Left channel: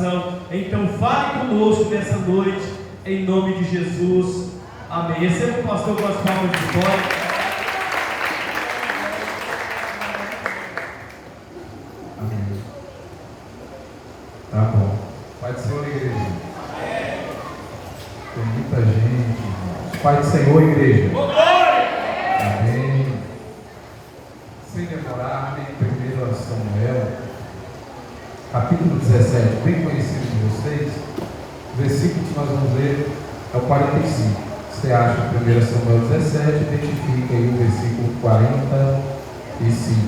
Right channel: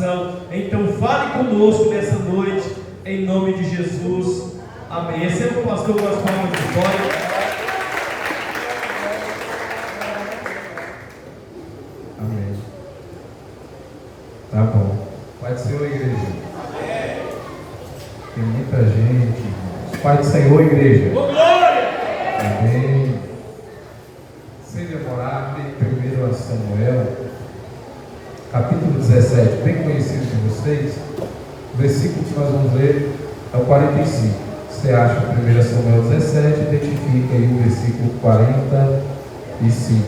coração. Então fale conosco nessa noite, em nome de Jesus. Amém. Receba o pastor com as palmas de vitória. Amém. Tá bom. Pai do Senhor, igreja. Tem muita gente, irmãos. Pai do Senhor, igreja. Amém. Sem demorar, tem 1 Samuel, capítulo 17, bem conhecido de vocês. O versículo que nós vamos ler é o 45. Você acha 1 Samuel 17, identifica aí o versículo 45.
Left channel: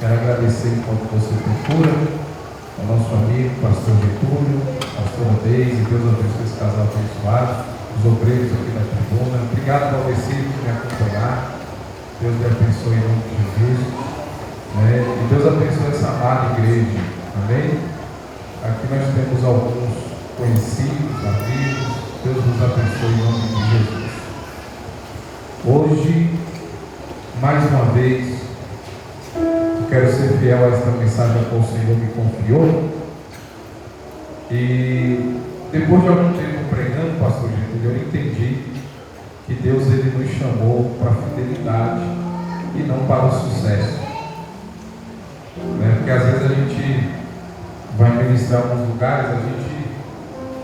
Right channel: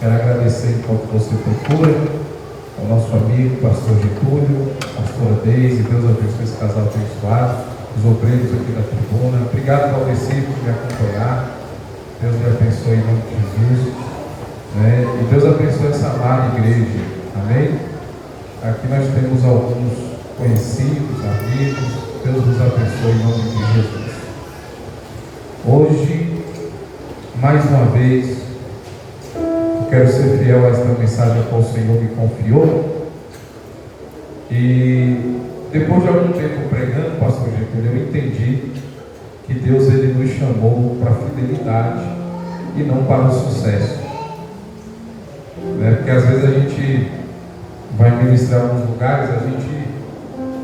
Quero agradecer enquanto você procura ao nosso amigo, pastor Getúlio, pastora Deise. Deus abençoe esse casal abençoado, os obreiros aqui da tribuna. Obrigado pelo versículo por me acompanhar. Deus lhe abençoe em nome de Jesus. E Deus abençoe essa amada igreja. Amém? Aqui nós temos alguns conhecidos, amigos. Deus nos abençoe em nome de Jesus. Hoje, mais uma vez, quero ser fiel a esta mensagem que o Senhor me confiou. E depois de algum tempo pregando, pastor Getúlio, eu entendi que Deus ele nos chamou para a fidelidade e não para o sucesso. Porque às vezes a gente vai ministrar em alguns lugares, a gente,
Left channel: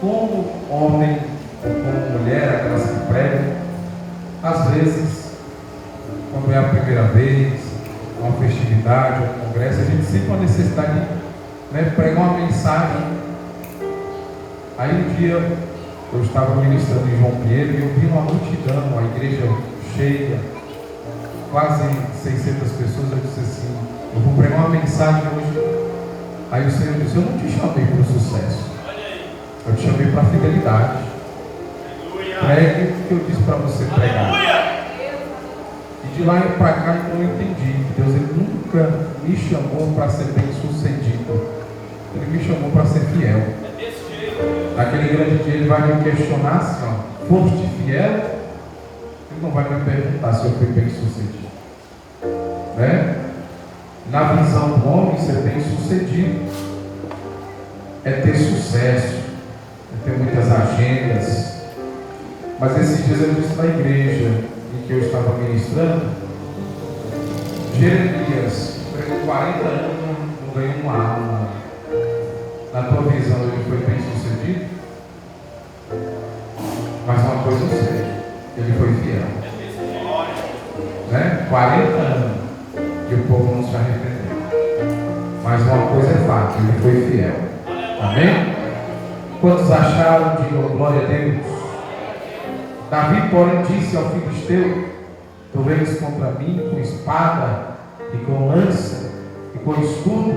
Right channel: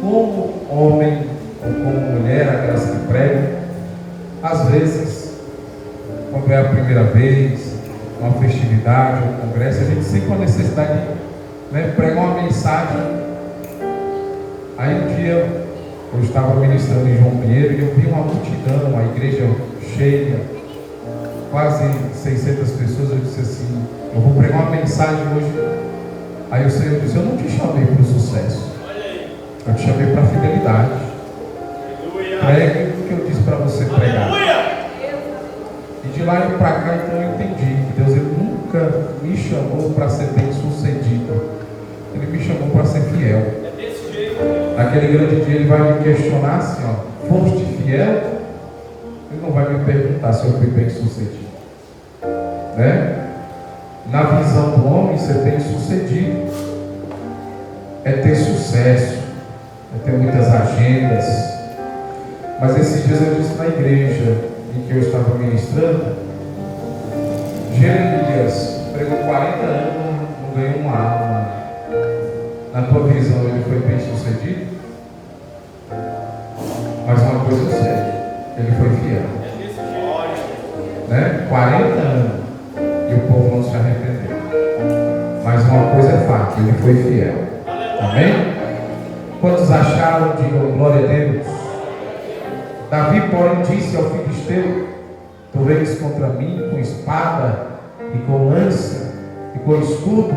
como homem ou como mulher, aquelas que pregam, às vezes, quando é a primeira vez, uma festividade, um congresso, a gente sente uma necessidade de pregar uma mensagem. Aí um dia eu estava ministrando em João Pinheiro e eu vi uma multidão, a igreja cheia, quase 600 pessoas. Eu disse assim: eu vou pregar uma mensagem hoje. Aí o Senhor disse: eu não te chamei para o sucesso, eu te chamei para a fidelidade. Pregue o que eu disse para você pregar. E de lá para cá eu entendi que Deus ele nunca me chamou para ser bem sucedido. Ele me chamou para ser fiel. Naquele grande dia ele vai me questionar assim: foste fiel? Ele não vai me perguntar se eu fui bem sucedido. Na visão do homem, ser bem sucedido é ter sucesso, é ter muitas agendas. Mas esses dias eu disse na igreja em que eu estava ministrando, Jeremias pregou 40 anos, não ganhou uma alma. Na tua visão ele foi bem sucedido? Mas uma coisa eu sei, ele foi fiel. 40 anos e o povo não se arrependeu. Mas uma coisa é fato, ele foi fiel. Amém? Quantos acharam? Digam glória a Deus. Davi, porém, disse ao filisteu: tu vens contra mim com espada e com lança e com escudo,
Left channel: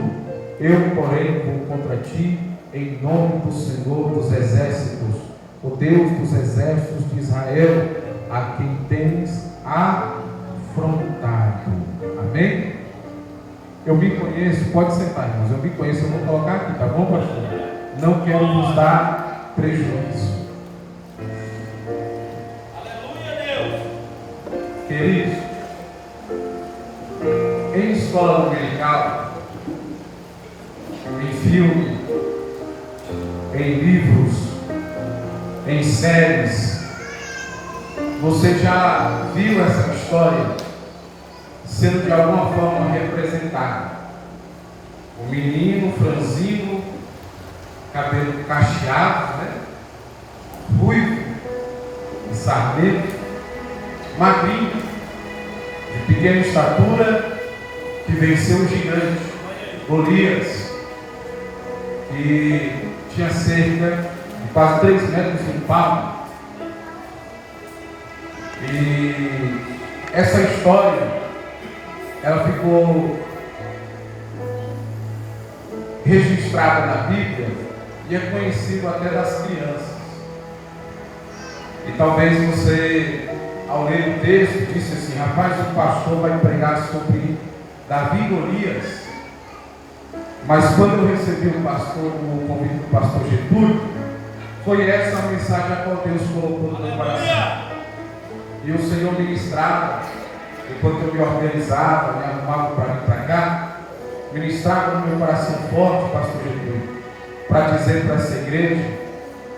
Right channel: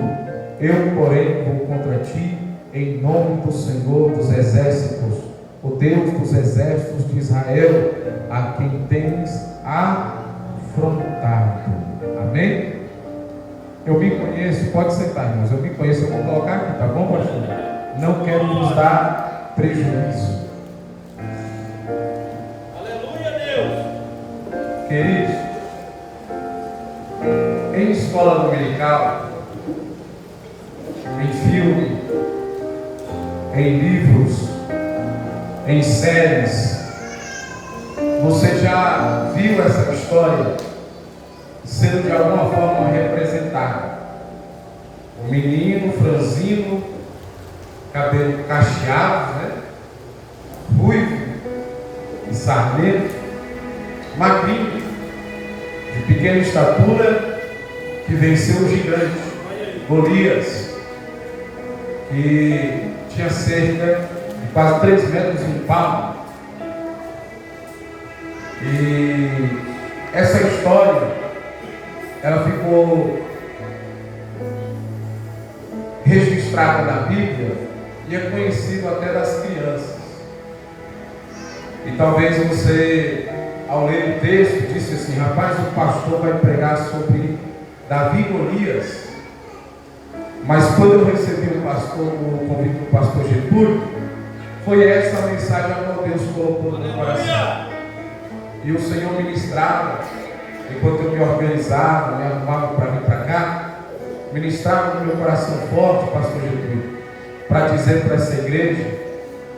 eu, porém, vou contra ti em nome do Senhor dos exércitos, o Deus dos exércitos de Israel, a quem tens afrontado. Amém? Eu me conheço, pode sentar, irmãos, eu me conheço, eu vou colocar aqui, tá bom, pastor? Não quero vos dar prejuízo. Queridos, em escola dominical, em filme, em livros, em séries, você já viu essa história sendo de alguma forma representada? O menino franzino, cabelo cacheado, ruivo e sarnento, magrinho, de pequena estatura, que venceu o gigante Golias, que tinha cerca de quase 3 metros de palmo. E essa história, ela ficou registrada na Bíblia e é conhecido até das crianças. E talvez você, ao ler o texto, disse assim: rapaz, o pastor vai pregar sobre Davi e Golias. Mas quando eu recebi o convite do pastor Getúlio, foi essa a mensagem a qual Deus colocou no meu coração. E o Senhor ministrava, enquanto eu me organizava, me arrumava para vir para cá, ministrava no meu coração forte, pastor Getúlio, para dizer para essa igreja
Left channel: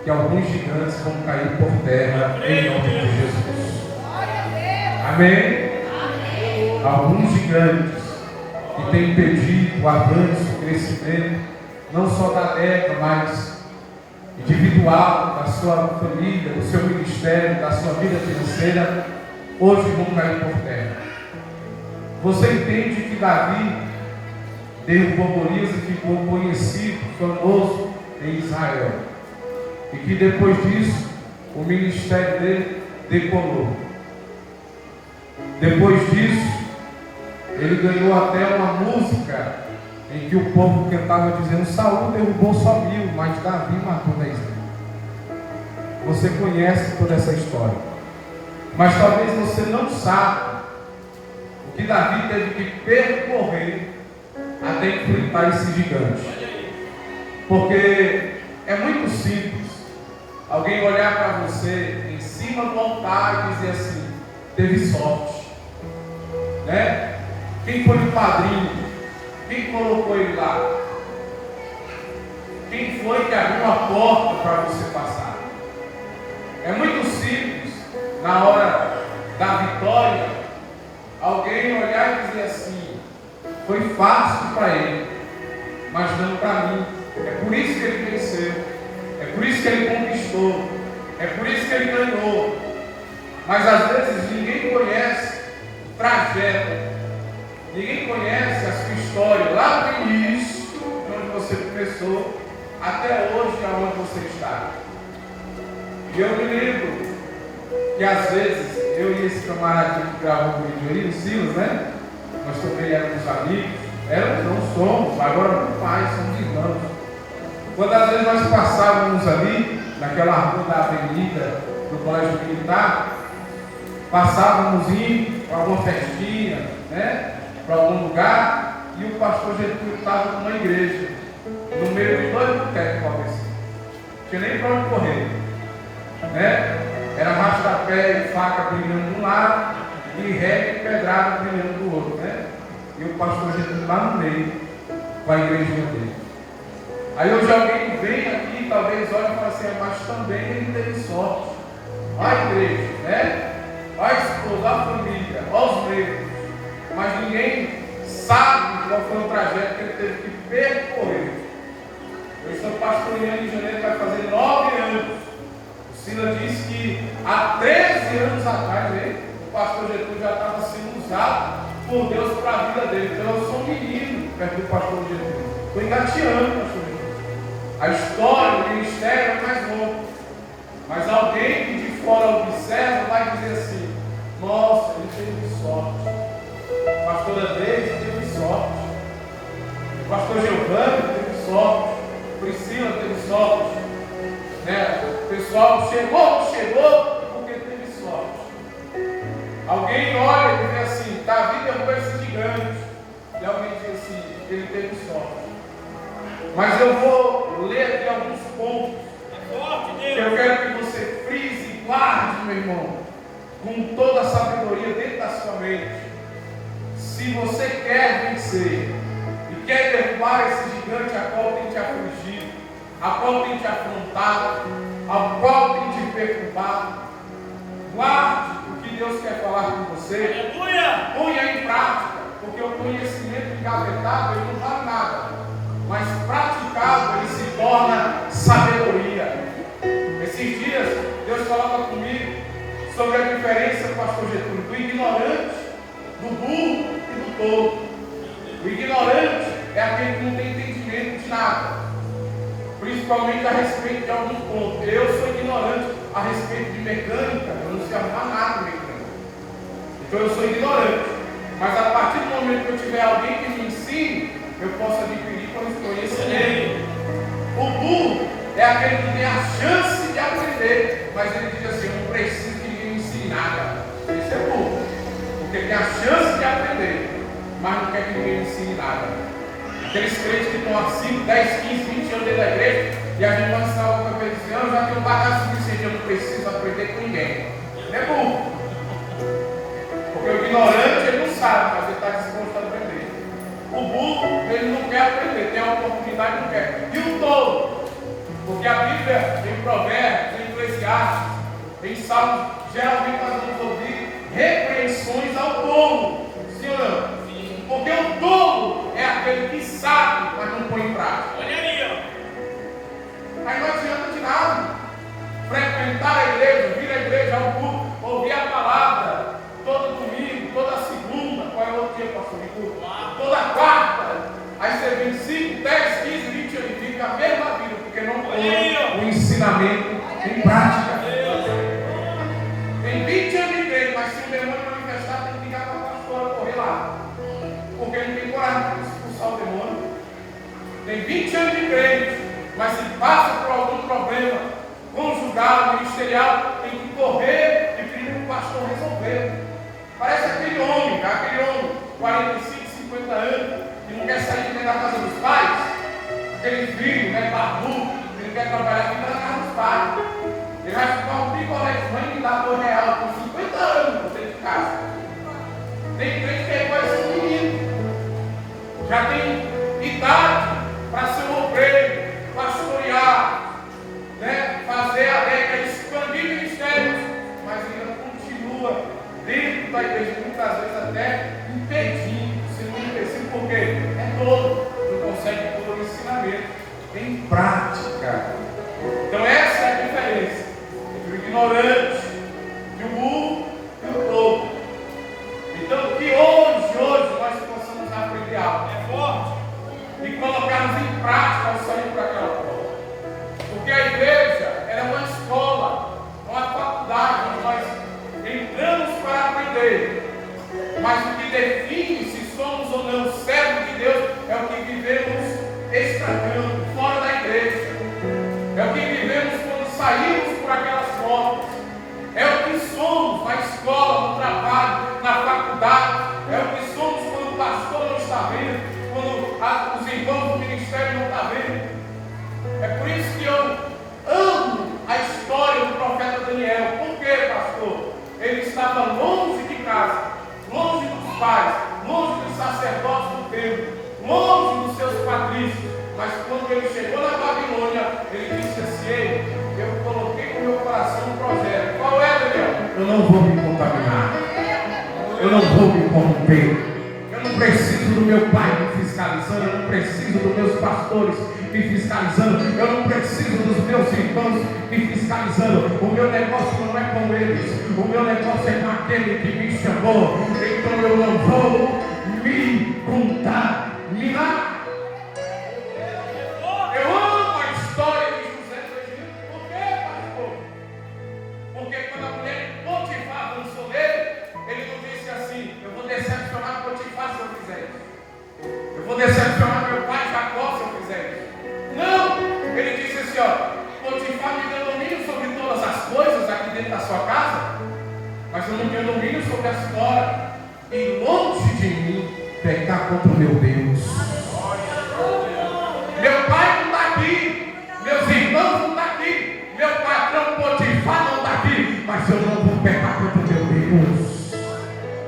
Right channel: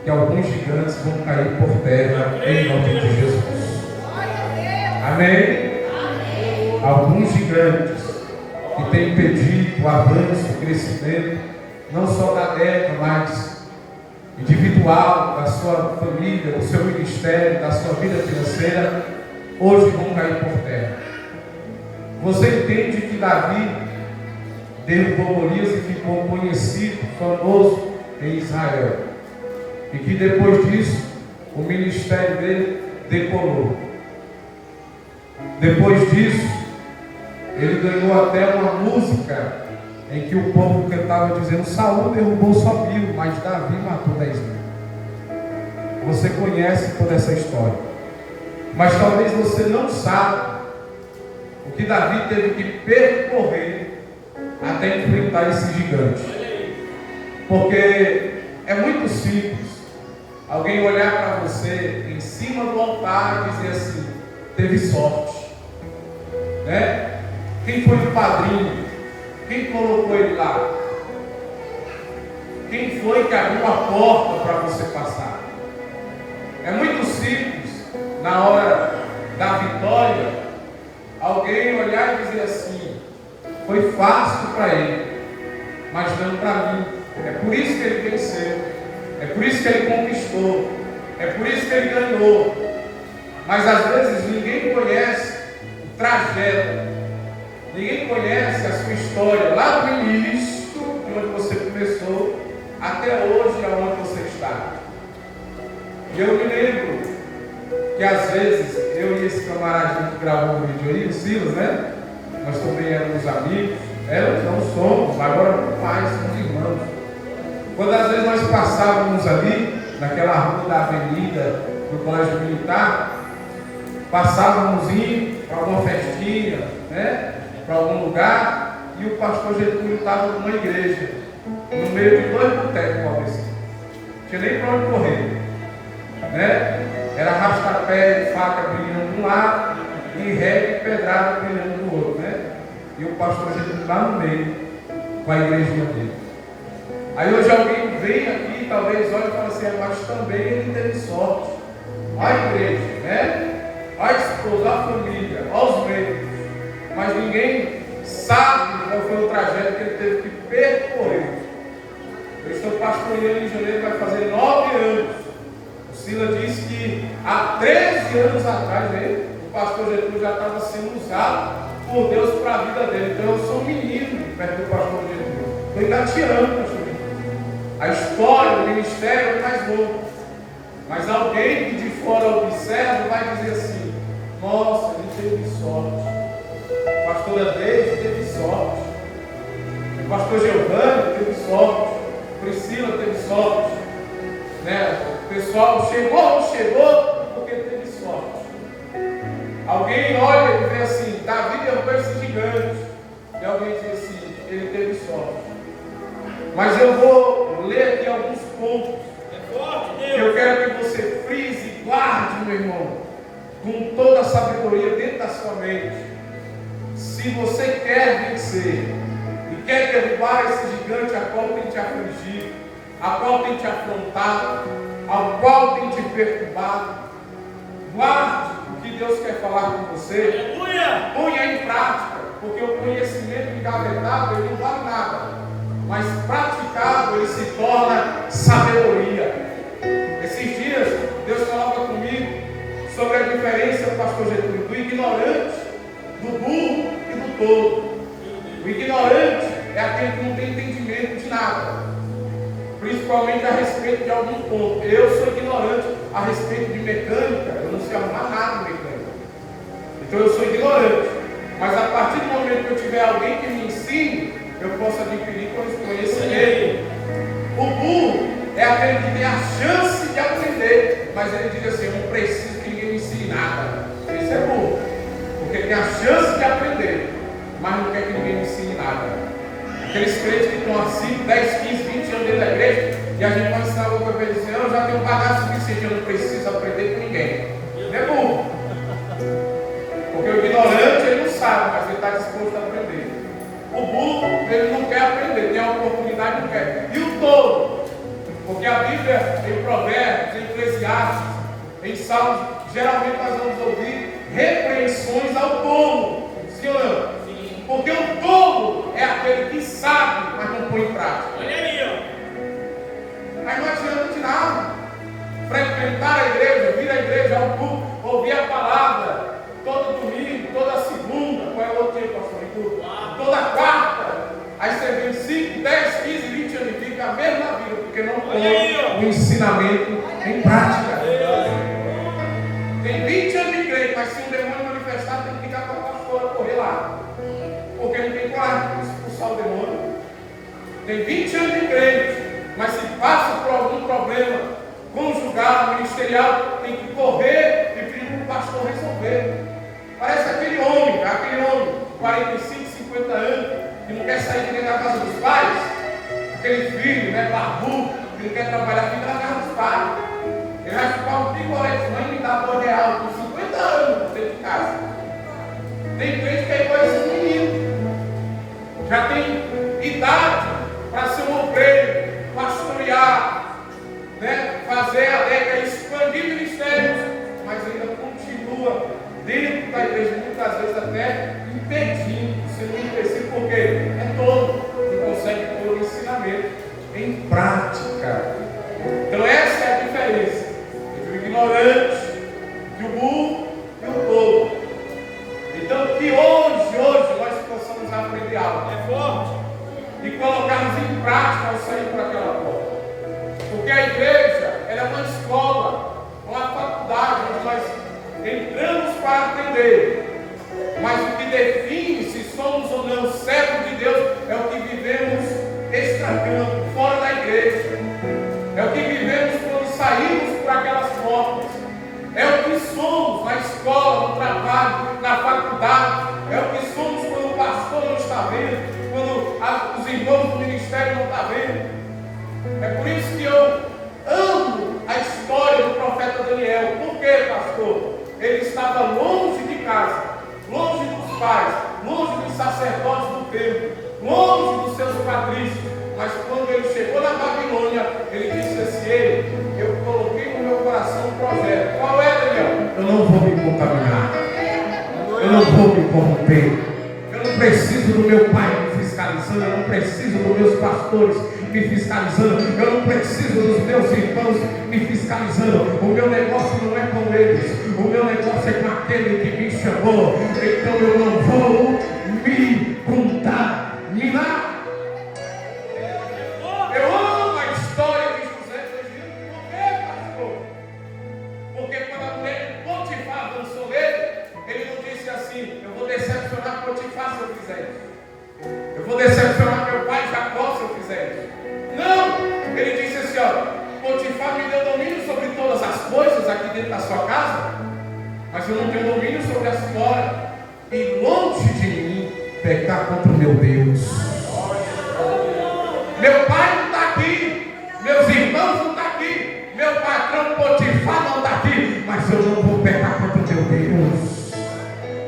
que alguns gigantes vão cair por terra em nome de Jesus. Amém? Alguns gigantes que têm impedido o avanço, o crescimento, não só da Débora, mas individual, da sua família, do seu ministério, da sua vida financeira, hoje vão cair por terra. Você entende que Davi derrubou Golias e ficou conhecido, famoso em Israel, e que depois disso o ministério dele decolou. Depois disso ele ganhou até uma música em que o povo cantava dizendo: Saul derrubou só 1000, mas Davi matou 10.000. Você conhece toda essa história, mas talvez você não saiba o que Davi teve que percorrer até enfrentar esse gigante. Porque é muito simples alguém olhar para você em cima do altar e dizer assim: teve sorte, né? Quem foi o padrinho? Quem colocou ele lá? Quem foi que abriu a porta para você passar? É muito simples, na hora da vitória, alguém olhar e dizer assim: foi fácil para ele, mas não para mim. É por isso que ele venceu, é por isso que ele conquistou, é por isso que ele ganhou. Mas às vezes ninguém conhece o trajeto, ninguém conhece a sua história, lá do início, de onde você começou, até hoje, aonde você está. E eu me lembro que às vezes, eu e esse camaradinho que gravou o vídeo aí, o Silas, né? Nós também éramos amigos, não somos, agora não mais, somos irmãos. Quando às vezes nós passávamos ali, naquela rua da avenida do Colégio Militar, passávamos indo para alguma festinha, né? Para algum lugar, e o pastor Getúlio estava numa igreja, no meio de 2 botecos, talvez. Não tinha nem para onde correr, né? Era arrasta-pé e faca brilhando de um lado, e ré e pedrada brilhando do outro, né? E o pastor Getúlio lá no meio, com a igrejinha dele. Aí hoje alguém vem aqui, talvez olhe e fala assim: mas também ele teve sorte. Olha a igreja, né? Olha a esposa, olha a família, olha os membros. Mas ninguém sabe qual foi o trajeto que ele teve que percorrer. Eu estou pastoreando em janeiro, vai fazer 9 anos. O Sila disse que há 13 anos atrás, né, o pastor Getúlio já estava sendo usado por Deus para a vida dele. Então eu sou um menino perto do pastor Getúlio. Estou engateando, pastor Getúlio. A história, o ministério é mais louco. Mas alguém que de fora observa vai dizer assim: nossa, ele teve sorte. A pastora Deise teve sorte, o pastor Giovanni teve sorte, Priscila teve sorte, né? O pessoal chegou porque teve sorte. Alguém olha e vê assim: Davi derrubou esse gigante, e alguém diz assim: ele teve sorte. Mas eu vou ler aqui alguns pontos que eu quero que você frise e guarde, meu irmão, com toda a sabedoria dentro da sua mente. Se você quer vencer e quer derrubar esse gigante a qual tem te afligido, a qual tem te afrontado, ao qual tem te perturbado, guarde o que Deus quer falar com você. Ponha em prática, porque o conhecimento engavetado ele não vale nada, mas praticado ele se torna sabedoria. Esses dias Deus coloca comigo sobre a diferença, pastor Getúlio, do ignorante, do burro e do tolo. O ignorante é aquele que não tem entendimento de nada, principalmente a respeito de algum ponto. Eu sou ignorante a respeito de mecânica, eu não sei arrumar nada de mecânica, então eu sou ignorante. Mas a partir do momento que eu tiver alguém que me ensine, eu posso adquirir conhecimento. O burro é aquele que tem a chance de aprender, mas ele diz assim: eu não preciso que ninguém me ensine nada. Esse é burro, porque tem a chance de aprender, mas não quer que ninguém me ensine nada. Aqueles crentes que estão há 5, 10, 15, 20 anos dentro da igreja, e a gente vai ensinar alguma coisa para dizer: eu já tenho bagagem suficiente, eu não preciso aprender com ninguém. É burro, porque o ignorante ele não sabe, mas ele está disposto a aprender. O burro ele não quer aprender, tem a oportunidade, não quer. E o tolo Porque a Bíblia, em Provérbios, em Eclesiastes, em Salmos, geralmente nós vamos ouvir repreensões ao tolo. Sim ou não? Sim. Porque o tolo é aquele que sabe, mas não põe em prática. Olha aí, ó. Mas não adianta de nada frequentar a igreja, vir à igreja ao culto, ouvir a palavra todo domingo, toda segunda. Qual é o outro dia, pastor? Toda quarta. Aí você vem 5, 10, 15, 20 anos e fica a mesma vida, porque não põe o ensinamento em prática. Tem 20 anos de crente, mas se o demônio manifestar, tem que ligar para a pastora correr lá. Porque não tem coragem de expulsar o demônio. Tem 20 anos de crente, mas se passa por algum problema conjugal, ministerial, tem que correr e pedir para o pastor resolver. Parece aquele homem, 45, 50 anos, que não quer sair de dentro da casa dos pais, aquele filho, barbudo, que não quer trabalhar, fica na casa dos pais. Ele vai ficar um picolé de mãe e me dá R$2 por 50 anos dentro de casa. Tem crente que é igual esse menino, já tem idade para ser um obreiro, pastorear, fazer a regra, expandir ministérios, mas ainda continua dentro da igreja, muitas vezes até impedindo, sendo um empecilho, porque é todo, não consegue pôr o ensinamento em prática. Então essa é a diferença entre o ignorante, o burro e o tolo. Então que hoje nós possamos aprender algo e colocarmos em prática ao sair por aquela porta. Porque a igreja ela é uma escola, uma faculdade, onde nós entramos para aprender. Mas o que define se somos ou não servos de Deus é o que vivemos extracampo, fora da igreja. É o que vivemos quando saímos por aquelas portas. É o que somos na escola, no trabalho, na faculdade. É o que somos quando o pastor não está vendo, quando os irmãos do ministério não estão vendo. É por isso que eu amo a história do profeta Daniel. Por quê, pastor? Ele estava longe de casa, longe dos pais, longe dos sacerdotes do templo, longe dos seus patrícios. Mas quando ele chegou na Babilônia, ele disse assim: ei, eu coloquei no meu coração um projeto. Qual é, Daniel? Eu não vou me contaminar, eu não vou me corromper, eu não preciso do meu pai me fiscalizando, eu não preciso dos meus pastores me fiscalizando, eu não preciso dos meus irmãos me fiscalizando. O meu negócio não é com eles, o meu negócio é com aquele que me chamou. Então eu não vou me contaminar. Eu amo a história de José do Egito. Por quê, pastor? Porque quando a mulher de Potifar avançou nele, ele não disse assim: eu vou decepcionar Potifar se eu fizer isso, eu vou decepcionar meu pai Jacó se eu fizer isso. Não, ele disse assim: ó, Potifar me deu domínio sobre todas as coisas aqui dentro da sua casa, mas eu não tenho domínio sobre as fora. E longe de mim pecar contra o meu Deus. Meu pai não está aqui, meus irmãos não estão aqui, meu patrão Potifar não está aqui, mas eu não vou pecar contra o meu Deus,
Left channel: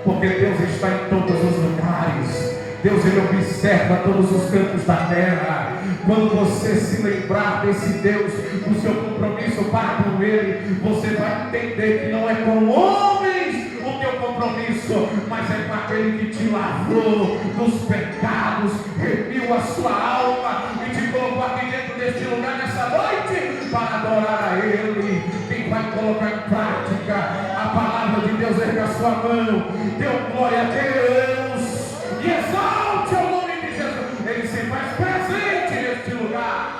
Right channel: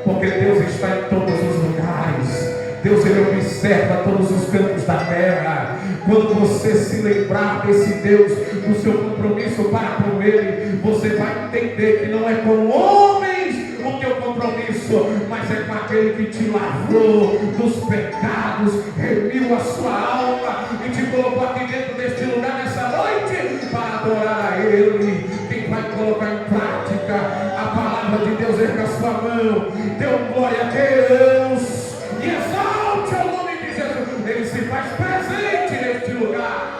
porque Deus está em todos os lugares. Deus, Ele observa todos os cantos da terra. Quando você se lembrar desse Deus, do seu compromisso para com Ele, você vai entender que não é com homens o teu compromisso, mas é com aquele que te lavrou dos pecados, remiu a sua alma e te colocou aqui dentro deste lugar nessa noite para adorar a Ele. Quem vai colocar em prática a palavra de Deus, ergue a sua mão, dê glória a Deus e exalte o nome de Jesus. Ele se faz presente neste lugar.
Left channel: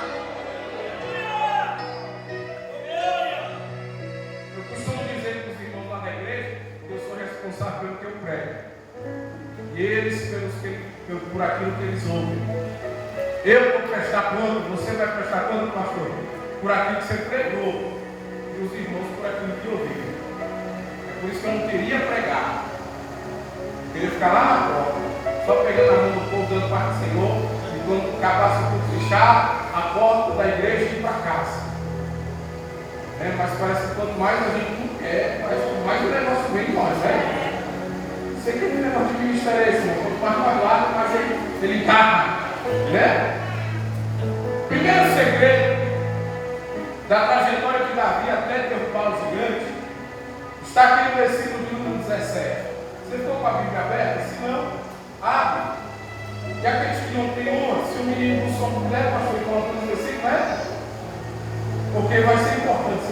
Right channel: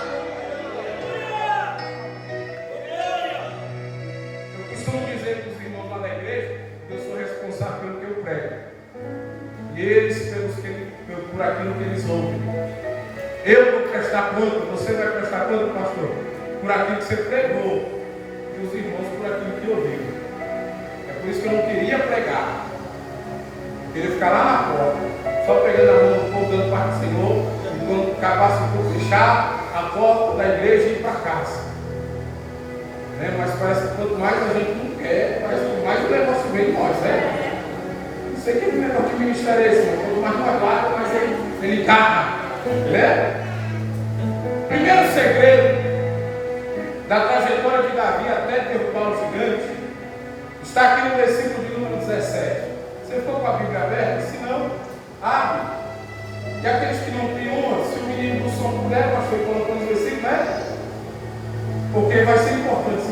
Eu costumo dizer para os irmãos lá da igreja que eu sou responsável pelo que eu prego, e eles por aquilo que eles ouvem. Eu vou prestar conta, você vai prestar conta, pastor, por aquilo que você pregou, e os irmãos por aquilo que ouviram. É por isso que eu não queria pregar, eu queria ficar lá na porta, só pegando a mão do povo, dando parte do Senhor, e quando acabasse tudo, fechar a porta da igreja e ir para casa. Mas parece que quanto mais a gente não quer, parece que mais o negócio vem em nós, né? Não sei que negócio de ministério é esse, quanto mais não aguarda, mais ele está, né? Primeiro segredo da trajetória de Davi até derrubar os gigantes, está aqui no versículo de número 17. Você ficou com a Bíblia aberta? Se não, abre. E aqueles que não têm uma, se o menino do som puder, pastor, colocando o versículo, né? Porque vai ser importante.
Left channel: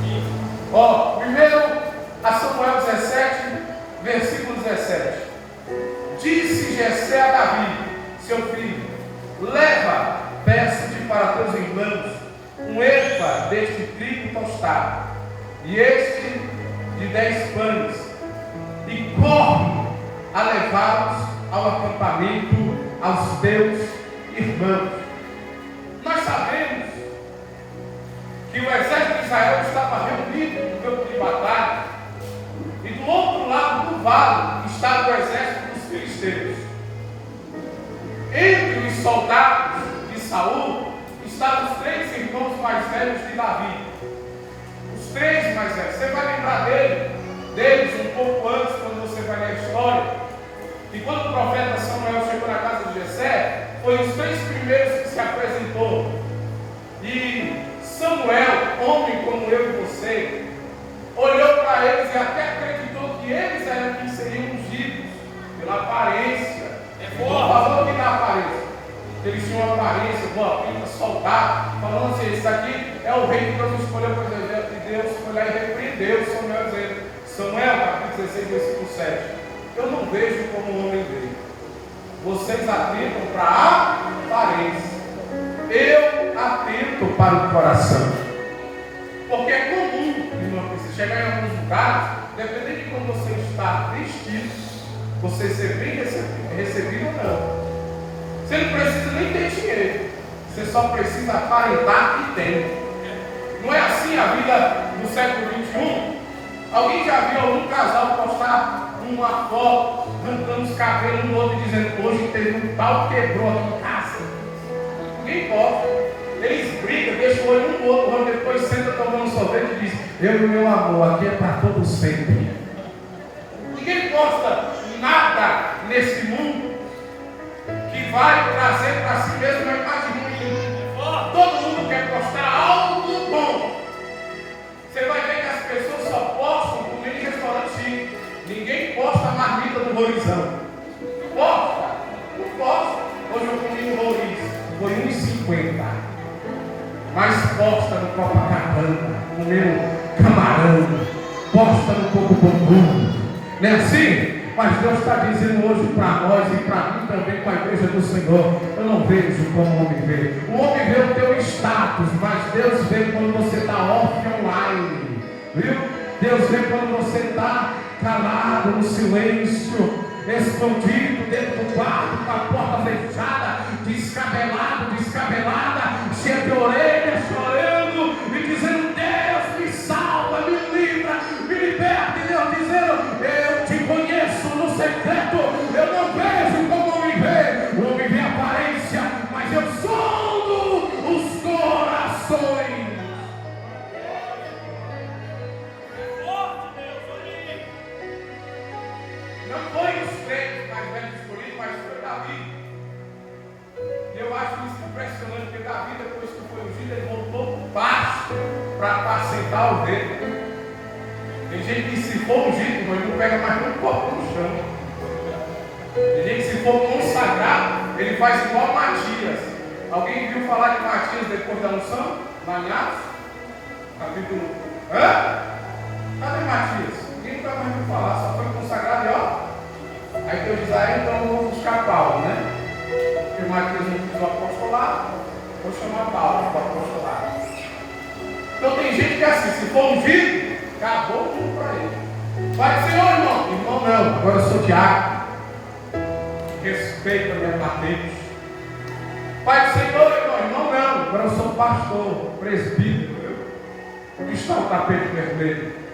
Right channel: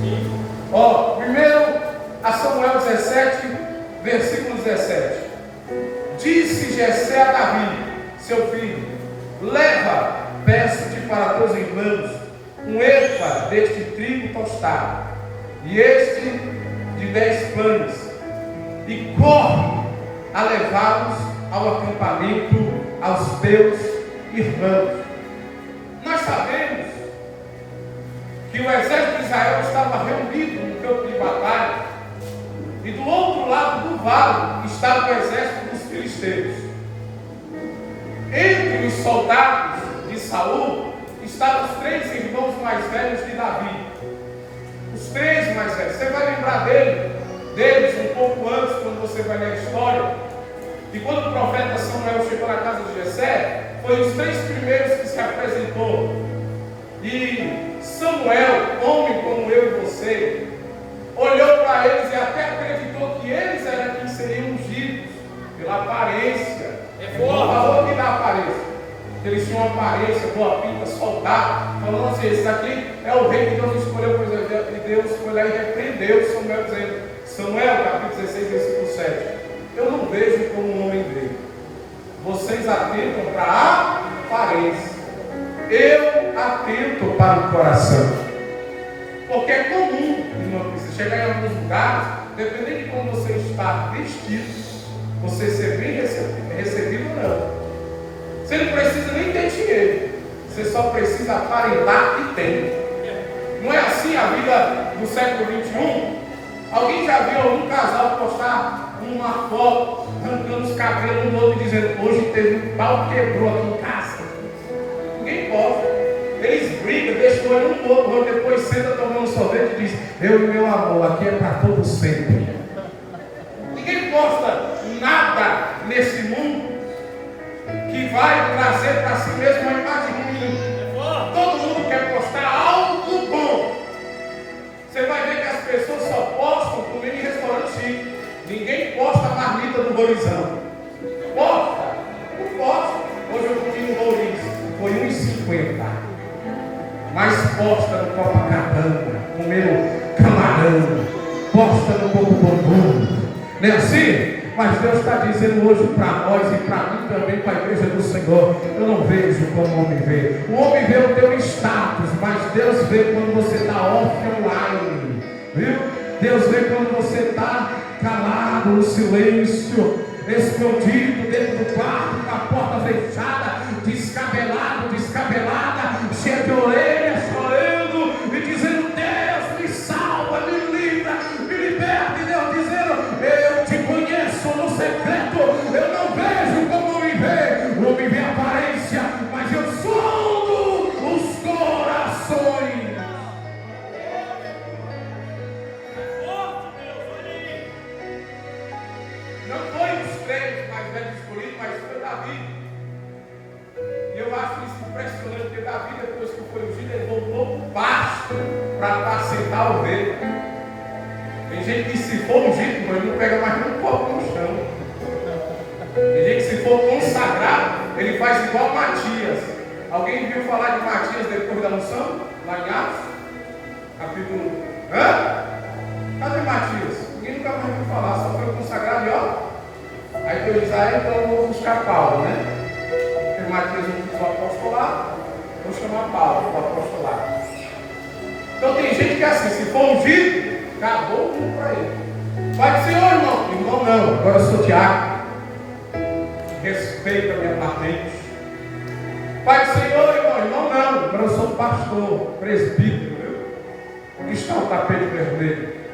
Sim. Ó, primeiro a Samuel 17, versículo 17. Disse Jessé a Davi, seu filho: leva, peço-te para teus irmãos, um efa deste trigo tostado, e este de 10 pães, e corre a levá-los ao acampamento aos teus irmãos. Nós sabemos que o exército de Israel estava reunido no campo de batalha, e do outro lado do vale estava o exército dos filisteus. Entre os soldados de Saul estavam os 3 irmãos mais velhos de Davi. Os 3 mais velhos. Você vai lembrar deles um pouco antes, quando você vai ler a história. E quando o profeta Samuel chegou na casa de Jessé, foi os 3 primeiros que se apresentou. E Samuel, homem como eu e você, olhou para eles e até acreditou que eles eram quem seriam ungidos pela aparência. Não falou que na aparência. Eles tinham uma aparência, boa pinta, soldado, falando assim: esse daqui é o rei que Deus escolheu para o exército. E Deus foi lá e repreendeu Samuel, dizendo, Samuel, capítulo 16, versículo 7. Eu não vejo como o homem vê. Vocês atentam para a aparência. Eu atento para o coração. Porque é comum, irmão, você chegar em alguns lugares, dependendo de como você está vestido, você ser bem recebido ou não. Você não precisa nem ter dinheiro, você só precisa aparentar que tem. Não é assim a vida do século XXI? Alguém já viu algum casal postar uma foto arrancando os cabelos um do outro e dizendo: hoje teve um pau que quebrou aqui em casa? Ninguém posta. Eles brigam, deixam um do outro, depois senta tomando sorvete e diz: eu e meu amor, aqui é para todo sempre. Ninguém posta nada nesse mundo que vai trazer para si mesmo uma imagem ruim. Todo mundo quer postar algo bom. Você vai ver que as pessoas só postam comida em restaurante chique. Ninguém posta a marmita do Rorizão. Posta? Não posta. Hoje eu comi um Roriz, foi R$1,50. Mas posta no Copacabana, comendo camarão, posta no Coco Bambu. Não é assim? Mas Deus está dizendo hoje para nós e para mim também, para a igreja do Senhor: eu não vejo como o homem vê. O homem vê o teu status, mas Deus vê quando você está offline. Viu? Deus vê quando você está calado, no silêncio, escondido dentro do quarto, com a porta fechada, descabelado, descabelada, cheio de orelhas, chorando e dizendo: Deus me salva, me livra, me liberta. E Deus dizendo: eu te conheço no secreto, eu não vejo como o homem vê. O homem vê a aparência, mas eu sondo os corações. Não foi os 3 mais velhos escolhidos, mas foi Davi. E eu acho isso impressionante, porque Davi, depois que foi ungido, ele voltou para o pasto para apacentar a ovelha. Tem gente que, se for ungido, irmão, ele não pega mais um copo no chão. Tem gente que, se for consagrado, ele faz igual Matias. Alguém viu falar de Matias depois da unção? Lá em Atos? Capítulo. Cadê Matias? Ninguém nunca mais viu falar, só foi consagrado e ó. Aí Deus diz: então eu vou buscar Paulo, né? Porque Matias não quis o apostolado, vou chamar Paulo para o apostolado. Então tem gente que é assim: se for ungido, acabou tudo para ele. Vai dizer: ô irmão, irmão não, agora eu sou diácono. Respeita a minha patente. Pai do Senhor, irmão não, agora eu sou pastor, presbítero. Onde está o tapete vermelho?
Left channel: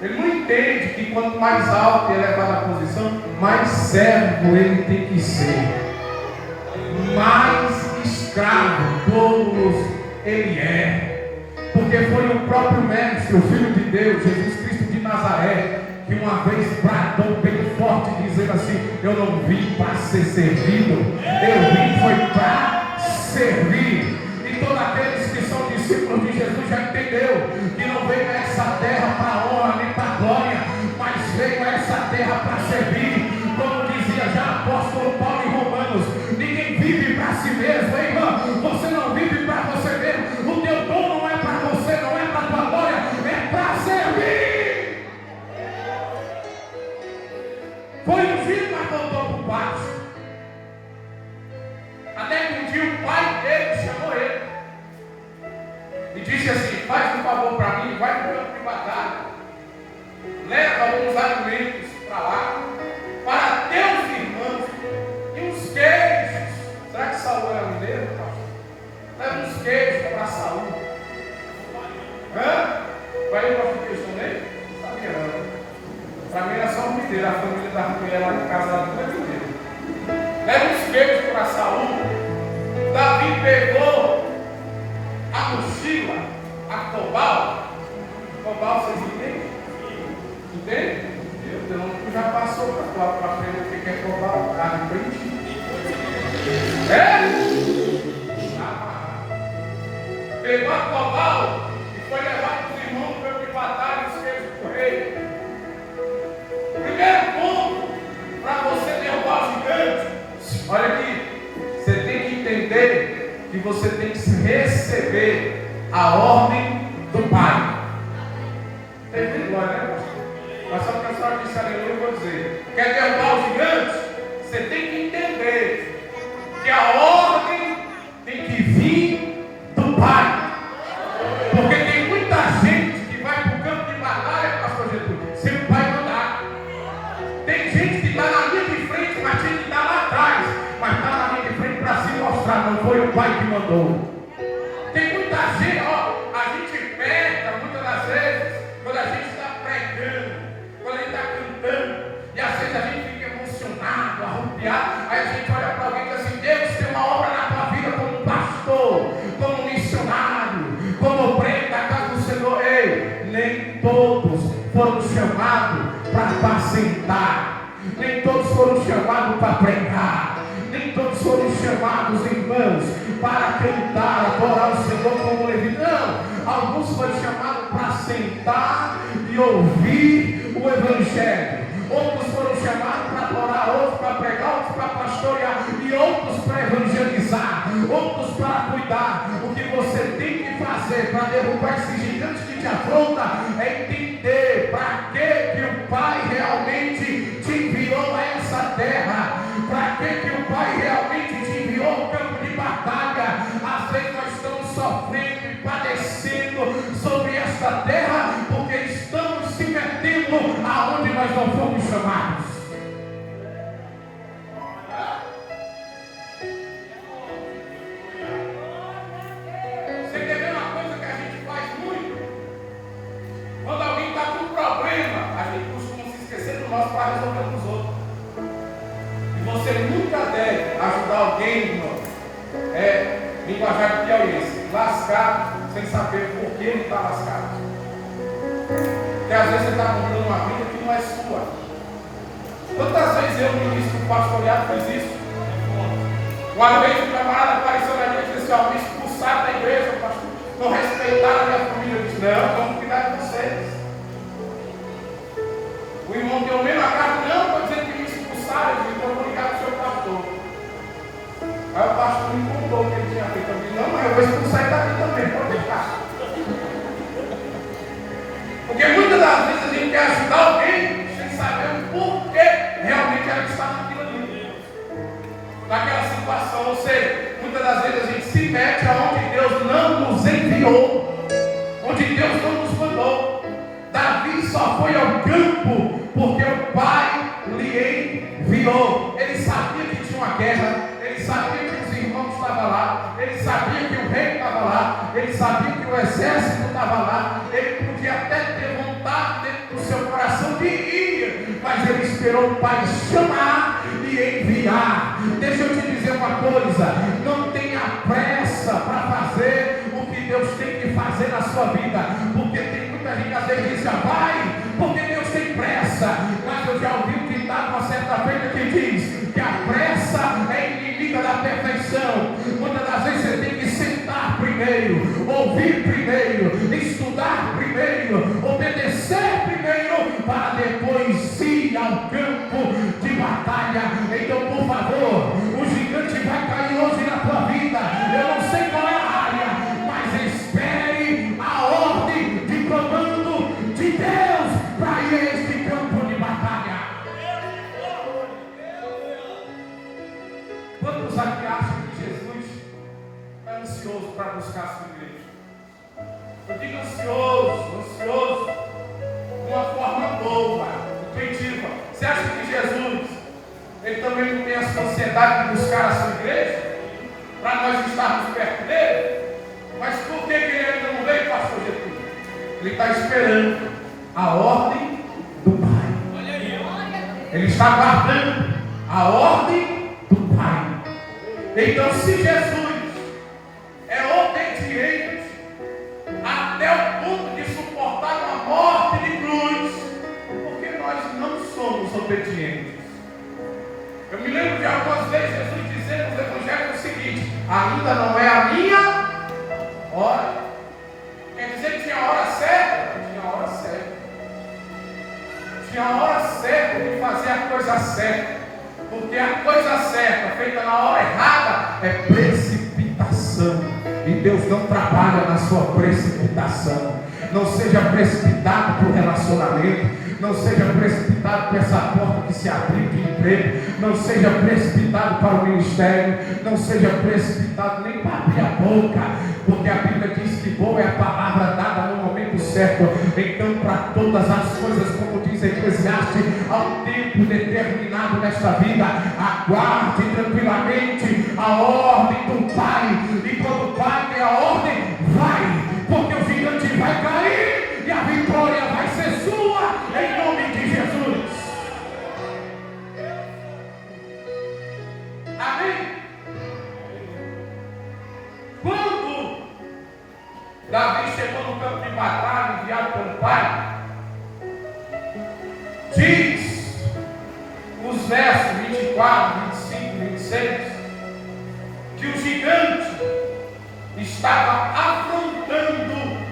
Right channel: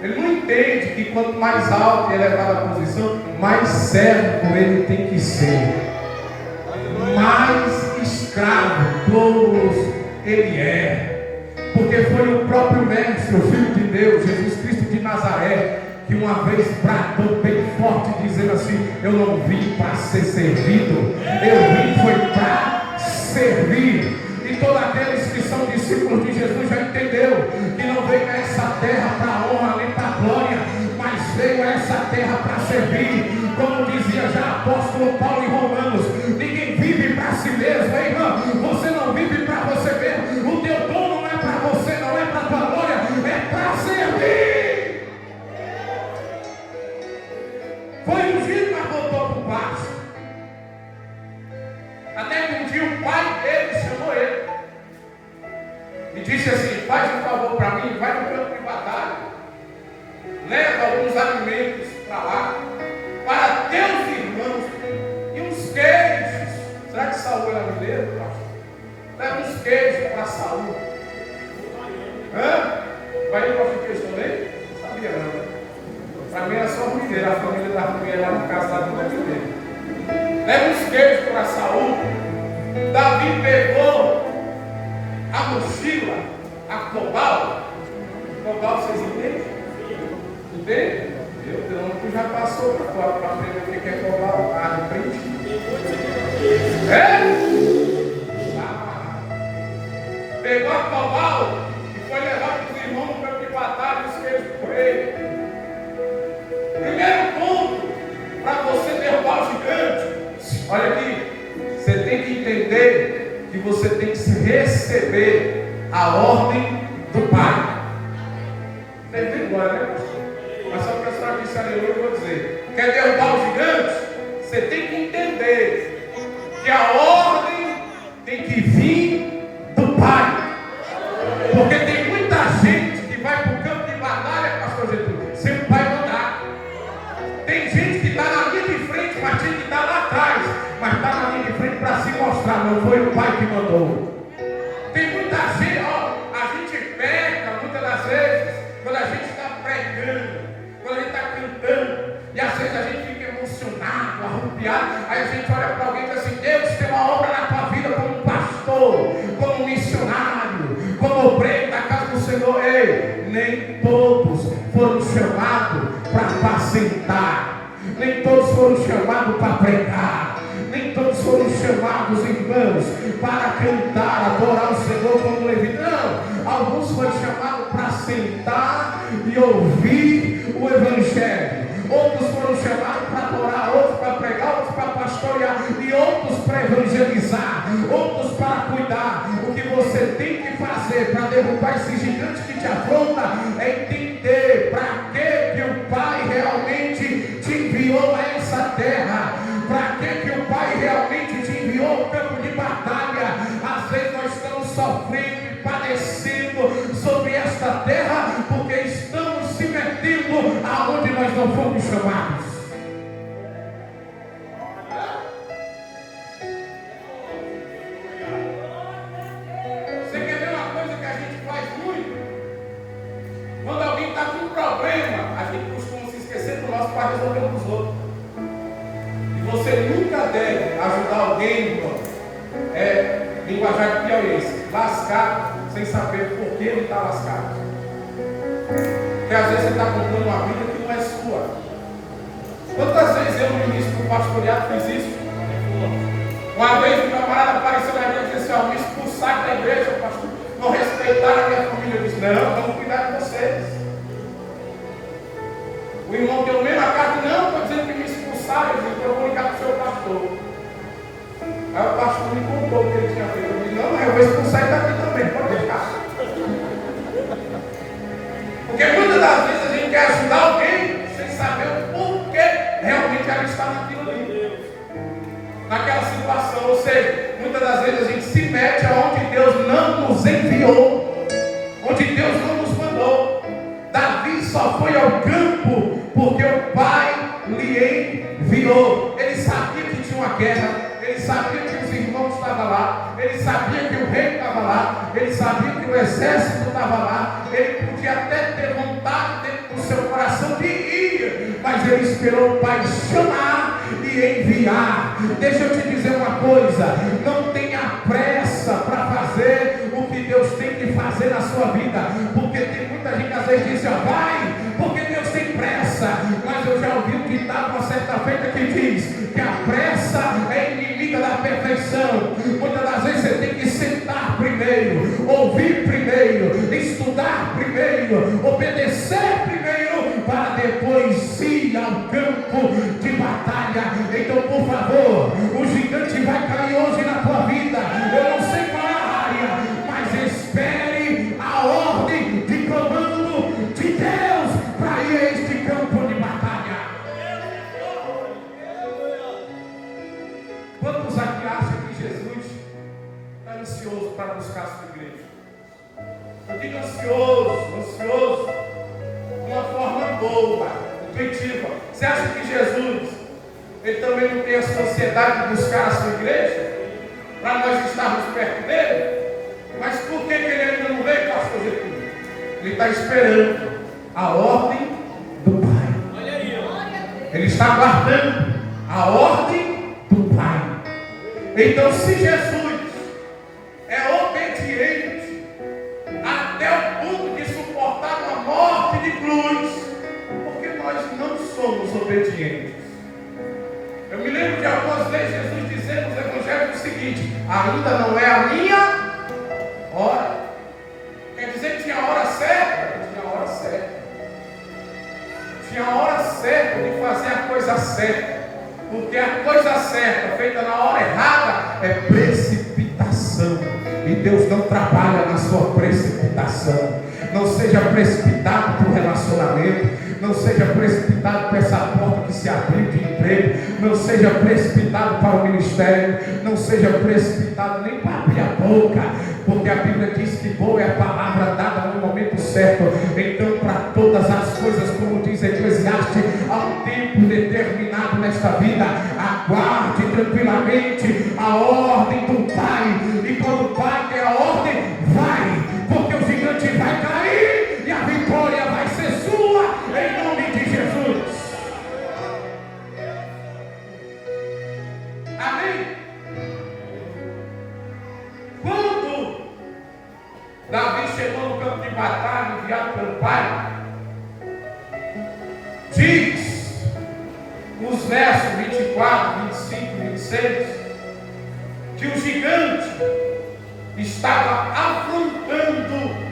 Ele não entende que quanto mais alto e elevada a posição, mais servo ele tem que ser, mais escravo todos ele é, porque foi o próprio Mestre, o Filho de Deus, Jesus Cristo de Nazaré, que uma vez bradou bem forte, dizendo assim: eu não vim para ser servido, eu vim foi para servir. E todos aqueles que são discípulos de Jesus terra para honra nem para glória, mas veio a essa terra para servir. Como dizia já o apóstolo Paulo em Romanos, ninguém vive para si mesmo, hein, irmão? Você não vive para você mesmo. O teu dom não é para você, não é para a tua glória, é para servir. Foi ungido, mas voltou para o pasto. Até que um dia o pai dele chamou ele e disse assim: faz um favor para mim, vai para o campo de batalha, leva alguns alimentos para lá, para teus irmãos, e uns queijos. Será que Saul era mineiro, pastor? Leva uns queijos para Saul. Vai ir para queijo também? Não sabia não. Para mim era só o mineiro, a família da mulher lá de casa lá não é mineiro. Leva uns queijos para Saul. Davi pegou a mochila, a cobal. Cobal, vocês entendem? Entende? Meu Deus, tu já passou para aprender o que é cobal, carne print? Está amarrado. Pegou a cobal e foi levar para os irmãos no campo de batalha os queijos do rei. Primeiro ponto, para você derrubar o gigante. Olha aqui, você tem que entender que você tem que receber a ordem do Pai. Tem que glória, né, pastor? Mas só que a senhora disse aleluia, eu vou dizer: quer derrubar os gigantes? Você tem que entender que a ordem tem que vir do Pai. Porque tem muita gente que vai para o campo de batalha, pastor Jesus, sem o Pai mandar. Tem gente que está na linha de frente, mas tinha que estar lá atrás. Mas está na linha de frente para se mostrar, não foi o Pai que mandou. Tem muita gente, a gente peca muitas das vezes, quando a gente está pregando, quando a gente está cantando, e às vezes a gente fica emocionado, arrupiado, aí a gente olha para alguém e diz assim: Deus tem uma obra na tua vida como pastor, como missionário, como obreiro da casa do Senhor. Ei, nem todos foram chamados para apacentar, nem todos foram chamados para pregar, nem todos foram chamados, irmãos, para cantar, adorar o Senhor como Levi. Não, alguns foram chamados para sentar e ouvir o Evangelho. Outros foram chamados para adorar, outros para pregar, outros para pastorear, e outros para evangelizar, outros para cuidar. O que você tem que fazer para derrubar esse gigante que te afronta é entender para que o Pai realmente te enviou a essa terra, para que o Pai realmente te enviou ao campo de batalha. Às vezes nós estamos sofrendo e padecendo sobre esta terra porque estamos se metendo aonde nós não fomos chamados. Você quer ver uma coisa que a gente faz muito? Quando alguém está com um problema, a gente costuma se esquecer do nosso para resolver com os outros. E você nunca deve ajudar alguém, irmão, linguajar de piauiense, lascado, sem saber por que ele está lascado. Porque às vezes você está comprando uma vida que não é sua. Quantas vezes eu, no início do pastoreado, fiz isso? Uma vez um camarada apareceu na minha e disse: me expulsar da igreja, pastor, não respeitaram a minha família. Eu disse: não, vamos cuidar de vocês. O irmão deu o mesmo a carta: não, estou dizendo que me expulsaram. Eu disse: então eu vou ligar para o seu pastor. Aí o pastor me contou o que ele tinha feito. Eu disse: não, mas eu vou expulsar ele daqui também, pode deixar. Porque muitas das vezes a gente quer ajudar alguém sem saber o porquê realmente ela está naquilo ali, naquela situação. Ou seja, muitas das vezes a gente se mete aonde Deus não nos enviou, onde Deus não nos mandou. Davi só foi ao campo porque o Pai lhe enviou. Ele sabia que tinha uma guerra, ele sabia que os irmãos estavam lá, ele sabia que o rei estava lá, ele sabia que o exército estava lá. Ele podia até ter vontade dentro do seu coração de ir, mas ele esperou o Pai chamar e enviar. Deixa eu te dizer uma coisa: não tenha pressa para fazer o que Deus tem que fazer na sua vida, porque tem muita gente às vezes diz: vai, porque Deus tem pressa. Mas eu já ouvi um ditado uma certa feita que diz que a pressa é inimiga da perfeição. Muitas das vezes você tem que sentar primeiro, ouvir primeiro, estudar primeiro, obedecer Eu digo ansioso, de uma forma boa, intuitiva. Você acha que Jesus, ele também não tem essa ansiedade de buscar a sua igreja? Para nós estarmos perto dele? Mas por que ele ainda não veio, pastor Getúlio? Ele está esperando a ordem do Pai. Ele está guardando a ordem do Pai. Então, se Jesus é obediente até o ponto de suportar uma morte de cruz, porque nós não somos obedientes. Eu me lembro de algumas vezes Jesus dizendo nos evangelhos o seguinte: ainda não é a minha hora. Quer dizer que tinha a hora certa? Tinha a hora certa. Tinha a hora certa de fazer a coisa certa. Porque a coisa certa, feita na hora errada, é precipitação. E Deus não trabalha na sua precipitação. Não seja precipitado para o relacionamento. Não seja precipitado para essa porta que se abriu de emprego. Não seja precipitado para o ministério. Não seja precipitado nem para abrir a boca. Porque a Bíblia diz que boa é a palavra dada no momento certo. Então, para todas as coisas, como diz Eclesiastes, há um tempo determinado nesta vida. Aguarde tranquilamente a ordem do Pai. E quando o Pai der a ordem, vai. Porque o gigante vai cair e a vitória vai ser sua, em nome de Jesus. Amém? Quando Davi chegou no campo de batalha, enviado pelo Pai, diz nos versos 24, 25, 26, que o gigante estava afrontando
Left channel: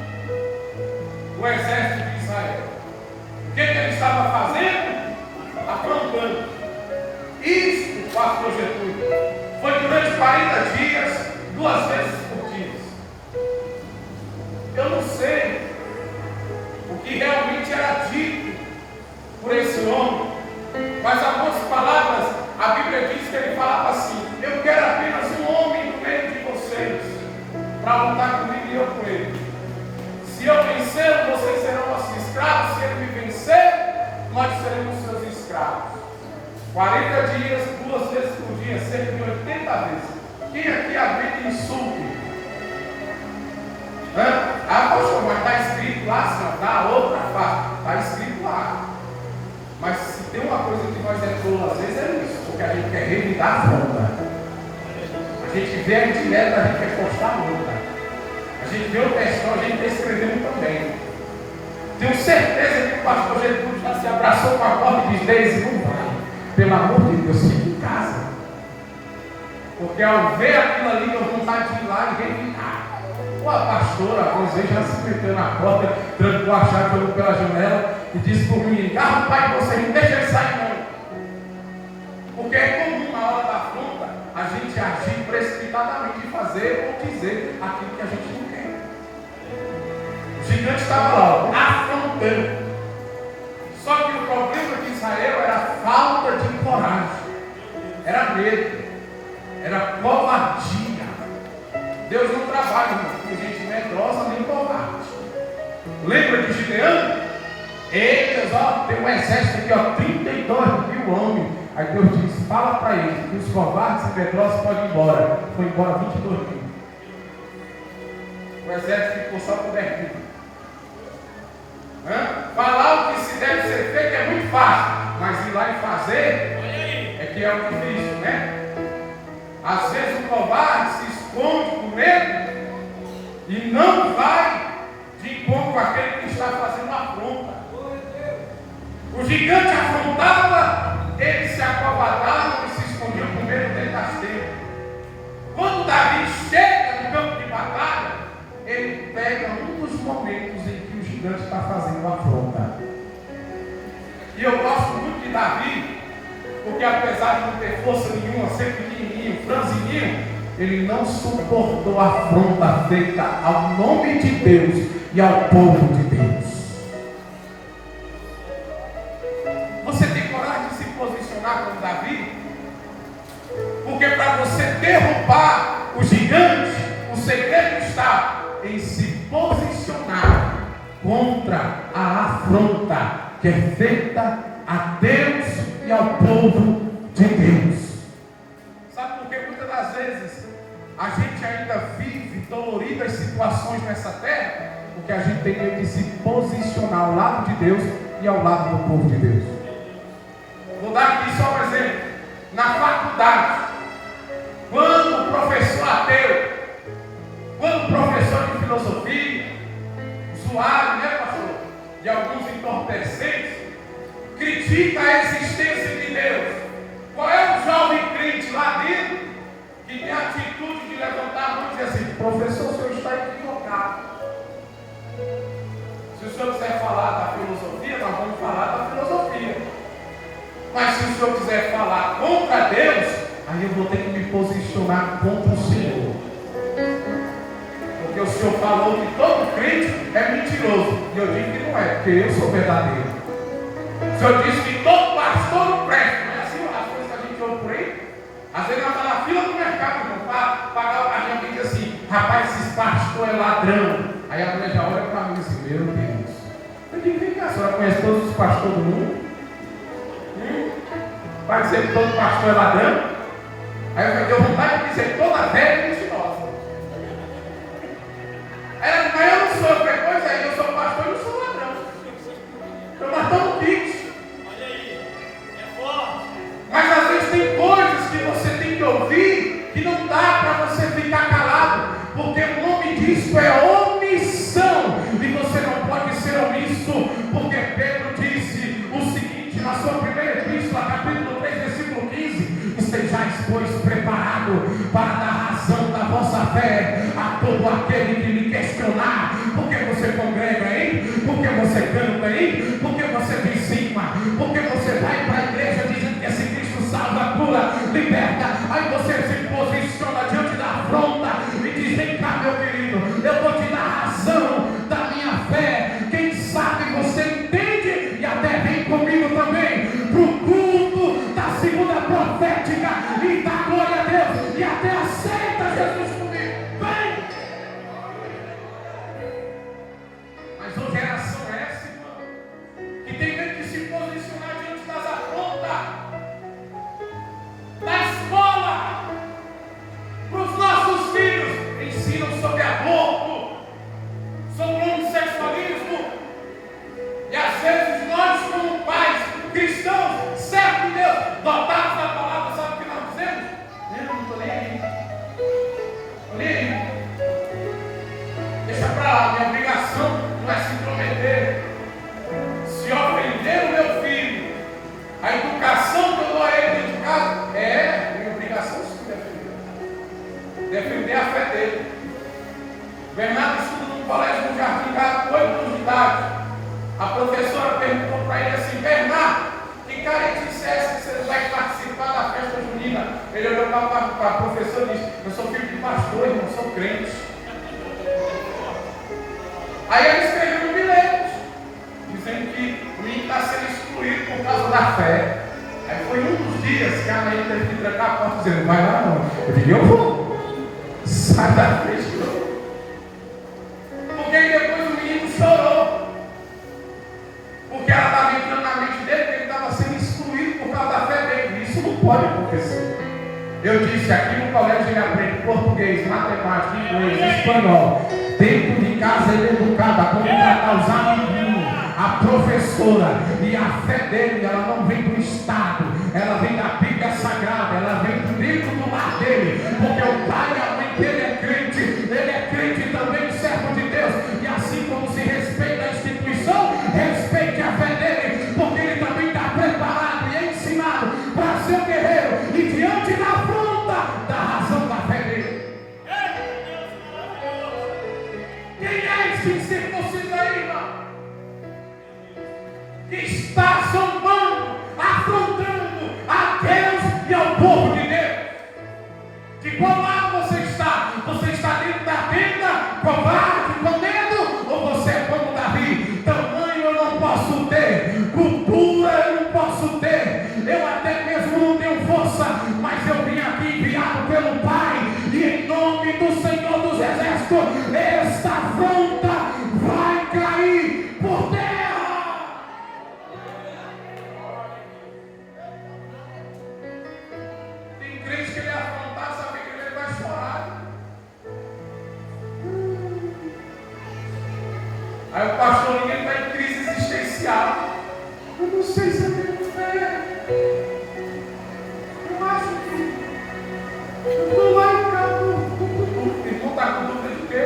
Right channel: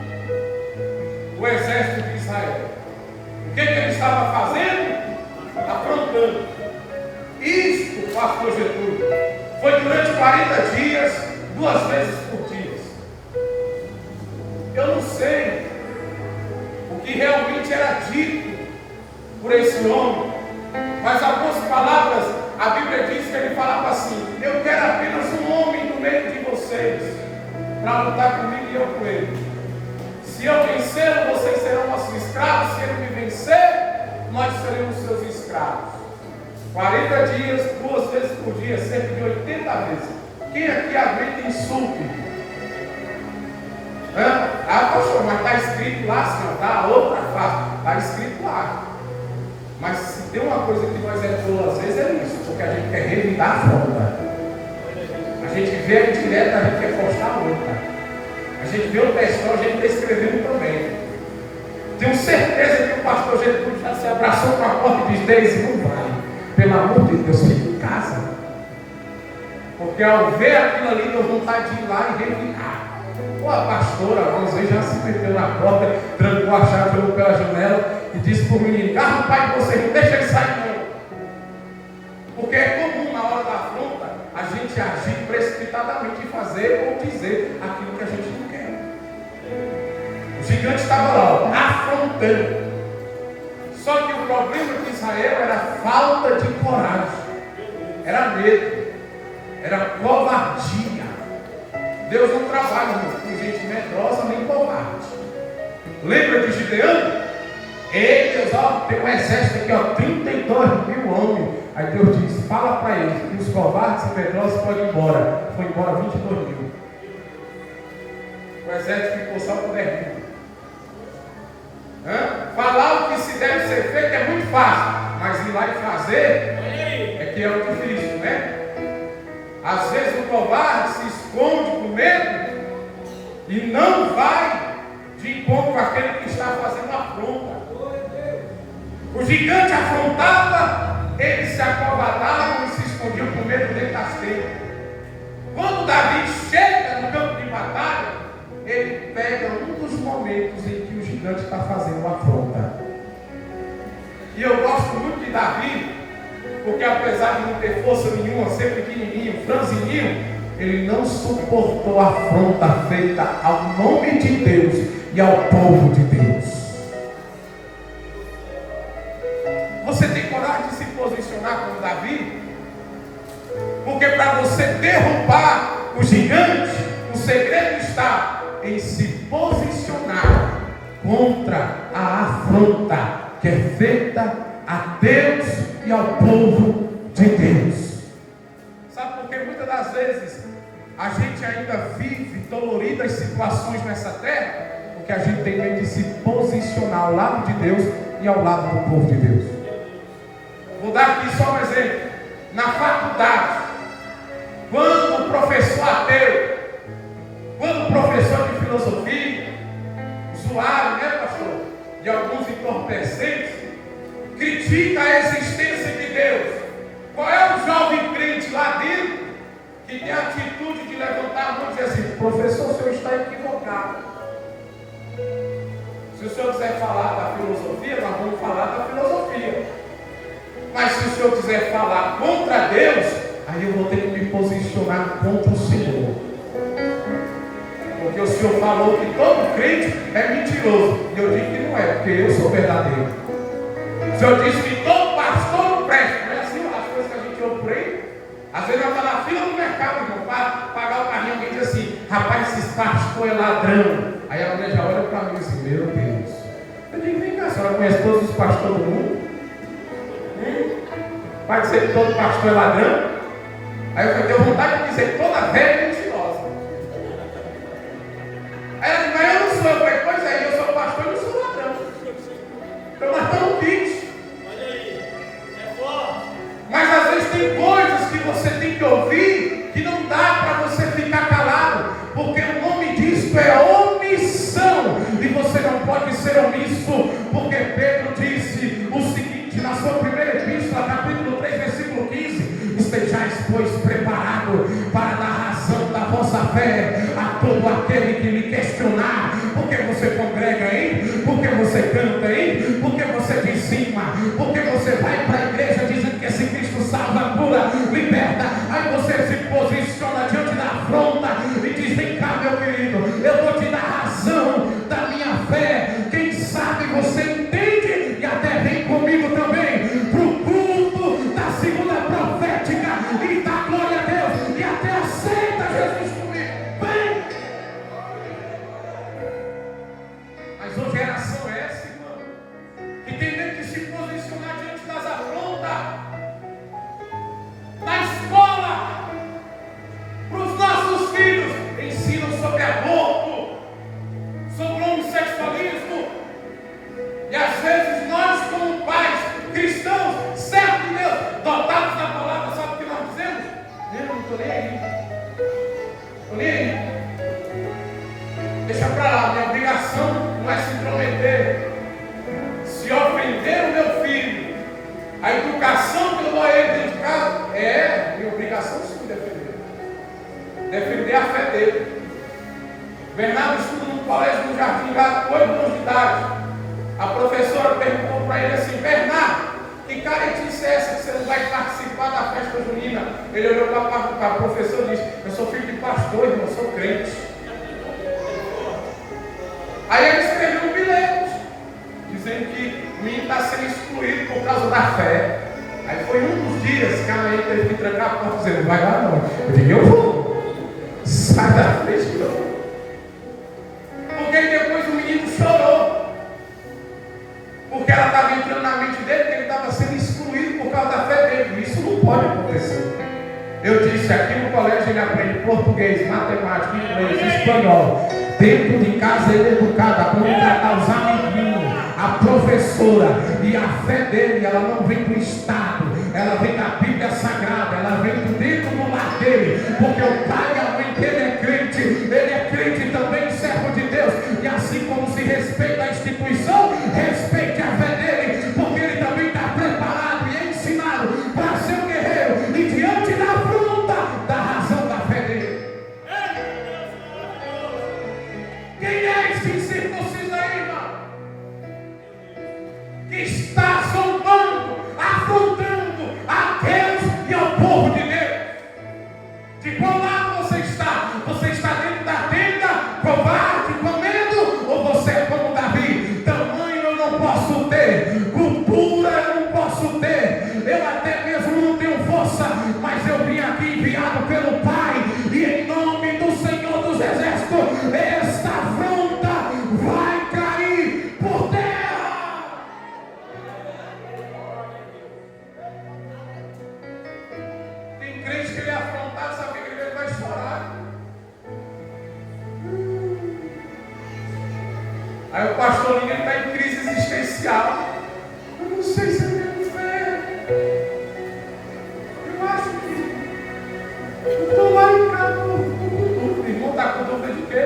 o exército de Israel. O que ele estava fazendo? Afrontando. Isto, pastor Getúlio, foi durante 40 dias, 2 vezes por dia. Eu não sei o que realmente era dito por esse homem, mas algumas palavras, a Bíblia diz que ele falava assim: eu quero apenas um homem no meio de vocês para lutar comigo e eu com ele. Se eu vencer, vocês serão nossos escravos. Se ele me vencer, nós seremos seus escravos. 40 dias, 2 vezes por dia, cerca de 80 vezes. Quem aqui aguenta insulto? Pastor, mas está escrito lá, senhor, dá outra face. Está escrito lá. Mas se tem uma coisa que nós é tolo às vezes é isso, porque a gente quer revidar a fronta. A gente vê a indireta, a gente quer postar a luta. A gente vê o textão, a gente está escrevendo também. Tenho certeza que o pastor Getúlio já se abraçou com a porta e diz: Deise, não vai. Pelo amor de Deus, fique em casa. Porque ao ver aquilo ali, deu vontade de ir lá e revidar. A pastora, algumas vezes, já se meteu na porta, trancou a chave, olhou pela janela e disse para o menino: carro, pai de vocês, não deixa ele sair não. Porque é comum na hora da afronta a gente agir precipitadamente e fazer ou dizer aquilo que a gente não quer. O gigante estava lá, afrontando. Só que o problema de Israel era falta de coragem, era medo, era covardia. Deus não trabalha com gente medrosa nem covarde. Lembra de Gideão? Eles, tem um exército aqui, 32 mil homens. Aí Deus disse: fala para eles que os covardes e medrosos podem ir embora. Foi embora 22 mil. O exército ficou só com 10 mil. Falar o que se deve ser feito é muito fácil, mas ir lá e fazer é que é o difícil, né? Às vezes o covarde se esconde com medo e não vai de encontro com aquele que está fazendo a afronta. O gigante afrontava, eles se acovardavam e se escondiam com medo dentro das tendas. Quando Davi chega no campo de batalha, ele pega um dos momentos em que o gigante está fazendo a afronta. E eu gosto muito de Davi, porque apesar de não ter força nenhuma, ser pequenininho, franzininho, ele não suportou a afronta feita ao nome de Deus e ao povo de Deus. Você tem coragem de se posicionar como Davi? Porque para você derrubar o gigante, o segredo está em se posicionar contra a afronta que é feita a Deus e ao povo de Deus. Sabe por que muitas das vezes a gente ainda vive doloridas situações nessa terra? Porque a gente tem medo de se posicionar ao lado de Deus e ao lado do povo de Deus. Vou dar aqui só um exemplo. Na faculdade, quando o professor ateu, quando o professor de filosofia, usuário, né, pastor, de alguns entorpecentes, critica a existência de Deus, qual é o jovem crente lá dentro que tem a atitude de levantar a mão e dizer assim: professor, o senhor está equivocado. Se o senhor quiser falar da filosofia, nós vamos falar da filosofia. Mas se o senhor quiser falar contra Deus, aí eu vou ter que me posicionar contra o Senhor. porque o senhor falou que todo crente é mentiroso. E eu digo que não é, porque eu sou verdadeiro. O senhor disse que todo pastor não presta. Não é assim as coisas que a gente ouve por aí? Às vezes nós estamos na fila do mercado, irmão, para pagar o carrinho. Alguém diz assim: rapaz, esses pastores é ladrão. Aí a mulher já olha para mim e diz assim: meu Deus. Eu digo: vem cá, a senhora conhece todos os pastores do mundo? Vai dizer que todo pastor é ladrão? Aí eu tenho vontade de dizer que toda velha é mentirosa. Aí ela diz: mas eu não sou. Eu falei: pois é, eu sou pastor e não sou ladrão. Então nós estamos kits. Mas às vezes tem coisas que você tem que ouvir que não dá para você ficar calado, porque o nome disso é omissão, e você não pode ser omisso, porque Pedro disse o seguinte na sua primeira epístola, capítulo 3, versículo 15: estejais, pois, preparado para dar razão da vossa fé a todo aquele que lhe questionar. Porque você congrega, hein? Porque você canta, hein? Porque você dizima, porque você vai para a igreja dizendo que esse Cristo salva, cura, liberta. Aí você se posiciona diante da afronta e diz: vem cá, meu querido, eu vou te dar razão da minha fé. Quem sabe você entende e até vem comigo também para o culto da segunda profética e dá glória a Deus e até aceita Jesus comigo. Vem! Mas uma geração é essa, irmão, que tem medo de se posicionar diante das afrontas. Na escola, para os nossos filhos, ensinam sobre aborto, sobre o homossexualismo. E às vezes nós, como pais cristãos, certo de Deus, dotados da palavra, sabe o que nós dizemos? Eu não estou nem aí. Estou nem aí. Deixa para lá, minha obrigação não é se intrometer. Se ofender o meu filho, a educação que eu dou a ele dentro de casa, é minha obrigação sim defender. Defender a fé dele. Bernardo estuda no colégio no Jardim Gato, com 8 anos de idade. A professora perguntou para ele assim: Bernardo, que caretice é essa que você não vai participar da festa junina? Ele olhou para a professora e disse: eu sou filho de pastor, irmão, sou crente. Aí ele escreveu um bilhete dizendo que o menino está sendo excluído por causa da fé. Aí foi um dos dias que a mãe teve que trancar a porta dizendo: vai lá não. Eu digo: eu vou. Sai da frente não. Porque aí depois o menino chorou. Porque ela estava entrando na mente dele que ele estava sendo excluído por causa da fé dele. Isso não pode acontecer. Eu disse: aqui no colégio ele aprende português, matemática, inglês, espanhol. Dentro de casa ele é educado a como tratar os amiguinhos, a professora. E a fé dele, ela não vem do Estado, ela vem da Bíblia Sagrada, ela vem do dentro do lar dele. Porque o pai e a mãe dele é crente, ele é crente também, servo de Deus. E assim como se respeita a instituição, respeite a fé dele, porque ele também está preparado e ensinado para ser um guerreiro e diante da afronta da razão da fé dele. Quem é esse incircunciso aí, irmão? Que está zombando, afrontando a Deus e ao povo de Deus. De qual lado você Aí o pastor liga, ele está em crise existencial. Eu não sei se é minha fé. Eu acho que eu estou lá em casa com dúvida. O irmão está com dúvida de quê?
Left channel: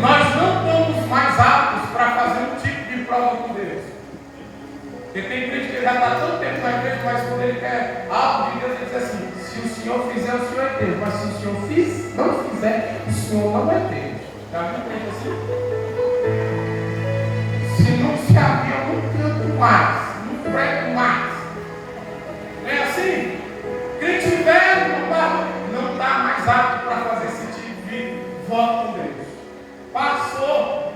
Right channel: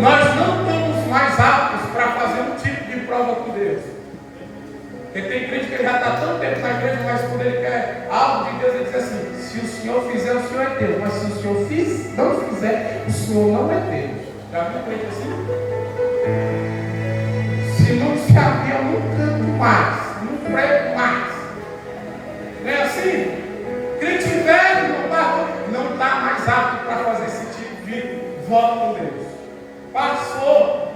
Nós não estamos mais aptos para fazer um tipo de prova com Deus. Porque tem crente que já está tanto tempo na igreja, mas quando ele quer algo de Deus, ele diz assim: se o Senhor fizer, o Senhor é Deus. Mas se o Senhor não fizer, o Senhor não é Deus. Já viu um crente assim? Se não se abrir, eu não canto mais, não prego mais. Não é assim? Crente velho não está mais apto para fazer esse tipo de voto com Deus. Passou.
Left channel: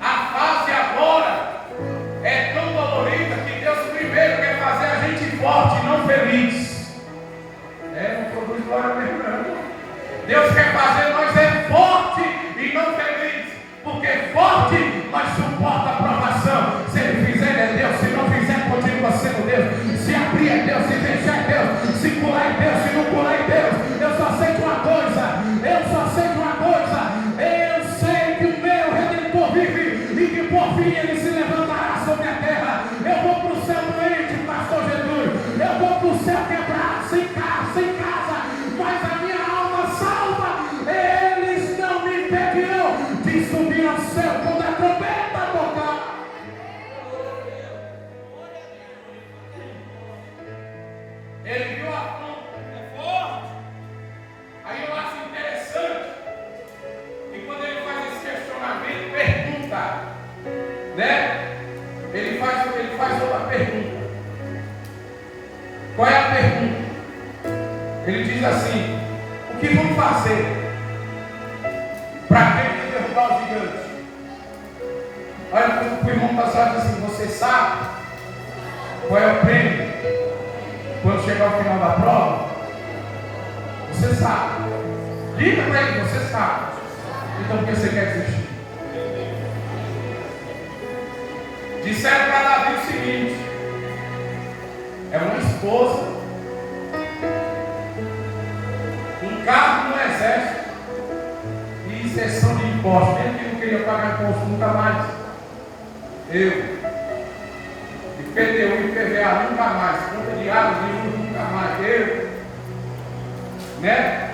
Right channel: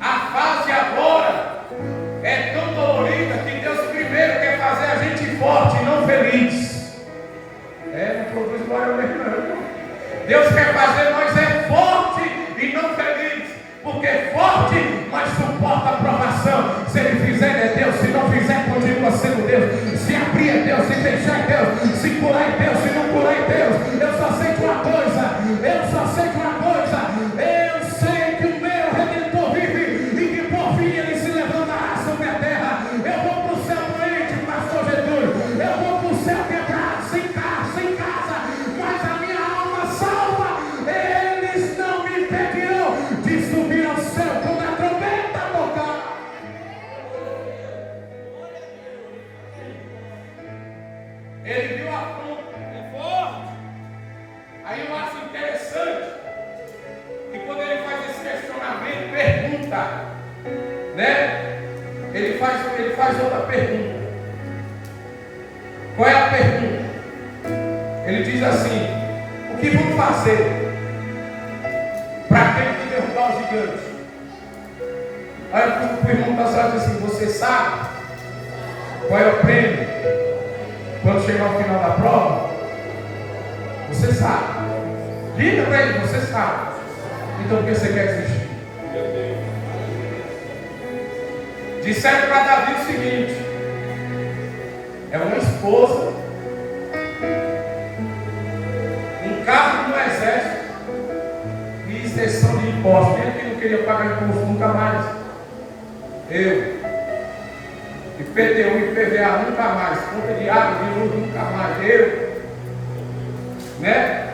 A fase agora é tão dolorida que Deus primeiro quer fazer a gente forte e não feliz. Não produz glória mesmo. Deus quer fazer nós forte e não feliz. Porque forte, mas suporta a provação. Se ele fizer, é Deus. Se não fizer, continua sendo Deus. Se abrir é Deus, se fechar é Deus. Se curar é Deus, se não curar é Deus. Eu só sei de uma coisa. Eu sei que o meu Redentor vive e que por fim ele se levantará sobre a terra. Eu vou para o céu doente, pastor Jesus. Eu vou para o céu quebrado, sem casa, mas a minha alma salva. Eles não me impedirão de subir ao céu quando a trombeta tocar. Ele viu a afronta, forte. Aí eu acho interessante que quando ele faz esse questionamento, pergunta, né? Ele faz outra pergunta. Qual é a pergunta? Ele diz assim: o que vamos fazer para aquele que derrubar os gigantes? Olha, o irmão da cidade diz assim: você sabe qual é o prêmio quando chegar ao final da prova? Você sabe. Liga para ele, você sabe. Então por que você quer desistir? Disseram para Davi o seguinte: é uma esposa, um carro no exército e isenção de impostos. Ele que não queria pagar imposto nunca mais. Eu. IPTU e IPVA nunca mais. Conta de água, de luz nunca mais. Eu. Né?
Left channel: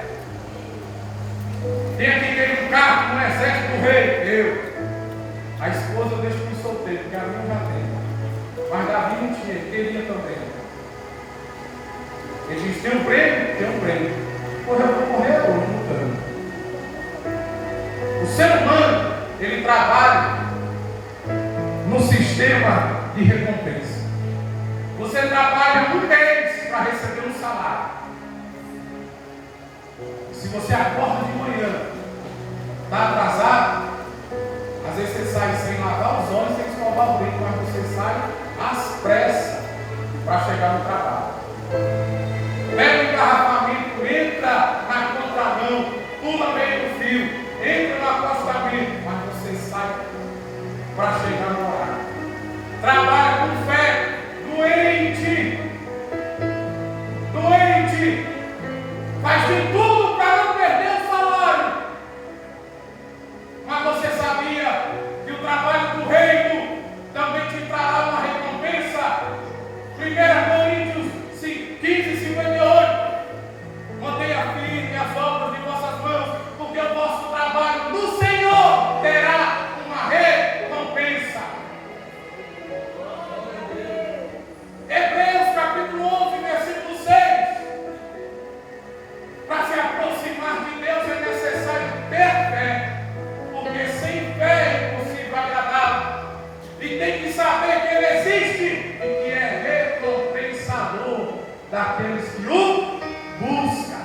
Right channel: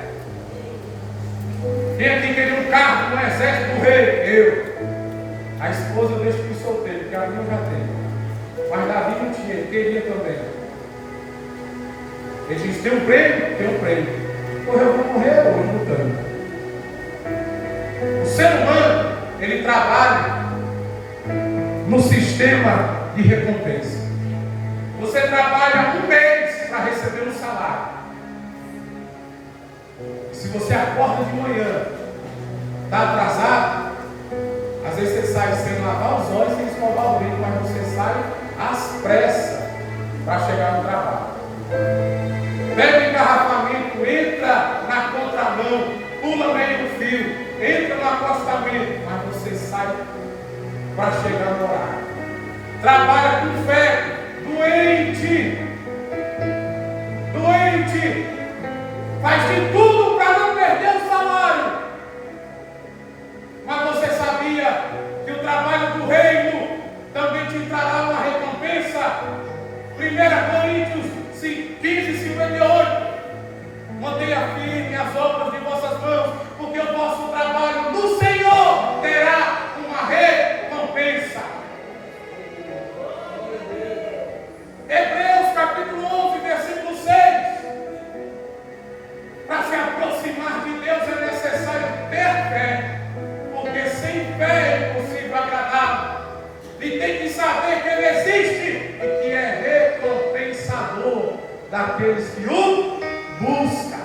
Tem aqui querer um carro no exército do rei. Eu. A esposa eu deixo por solteiro, porque a minha já tem. Mas Davi não tinha, ele queria também. Ele diz: tem um prêmio? Tem um prêmio. Porra, eu vou morrer hoje lutando. O ser humano, ele trabalha no sistema de recompensa. Você trabalha um mês para receber um salário. Se você acorda de manhã, está atrasado, às vezes você sai sem lavar os olhos, sem escovar o dente, mas você sai às pressas para chegar no trabalho. Pega o engarrafamento, entra na contramão, pula meio do fio, entra no acostamento, mas você sai para chegar no horário. Trabalha com fé, doente, faz de tudo para não perder o salário. Mas você sabia que o trabalho do reino também te trará uma recompensa? 1 Coríntios 15:58. Mantenha firme as obras de vossas mãos, porque o vosso trabalho no Senhor terá uma recompensa. Hebreus capítulo 11, versículo 6. Para se aproximar de Deus é necessário ter fé, porque sem fé é impossível agradá-lo. E tem que saber que Ele existe e que é recompensador daqueles que o buscam.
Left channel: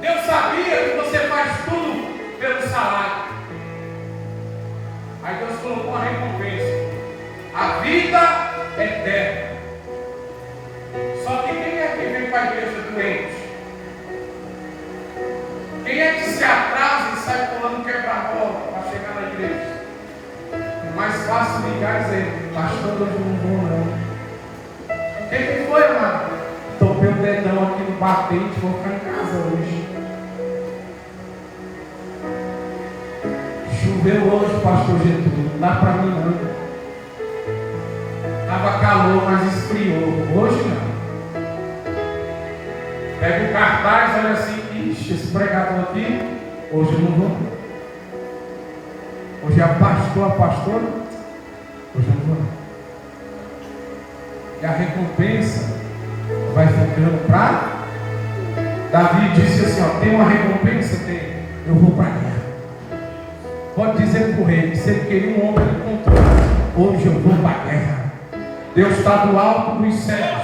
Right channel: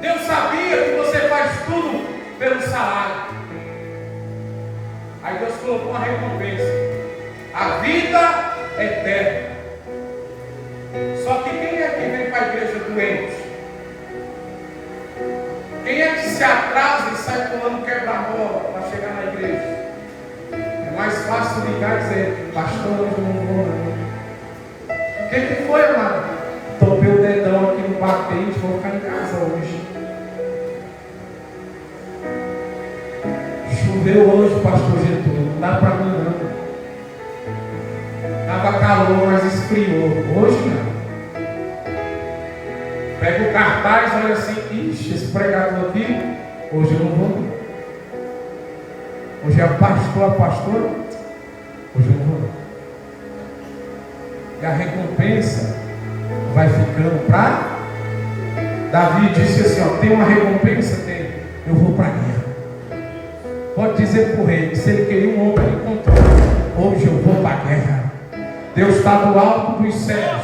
Deus sabia que você faz tudo pelo salário. Aí Deus colocou uma recompensa: a vida eterna. Só que quem é que vem para a igreja doente? Quem é que se atrasa e sai pulando quebra-mola para chegar na igreja? É mais fácil ligar e dizer: pastor, hoje não vou não. O que foi, amado? Topei o dedão aqui no batente, vou ficar em casa hoje. Choveu hoje, pastor Getúlio, não dá para mim não. Estava calor, mas esfriou. Hoje não. Pega o cartaz, olha assim, ixi, esse pregador aqui, hoje eu não vou não. Hoje é a pastora, hoje eu não vou não. E a recompensa vai ficando para... Davi disse assim, ó, tem uma recompensa? Tem. Eu vou para a guerra. Pode dizer para o rei, se ele queria um homem, ele encontrou. Hoje eu vou para a guerra. Deus está do alto dos céus.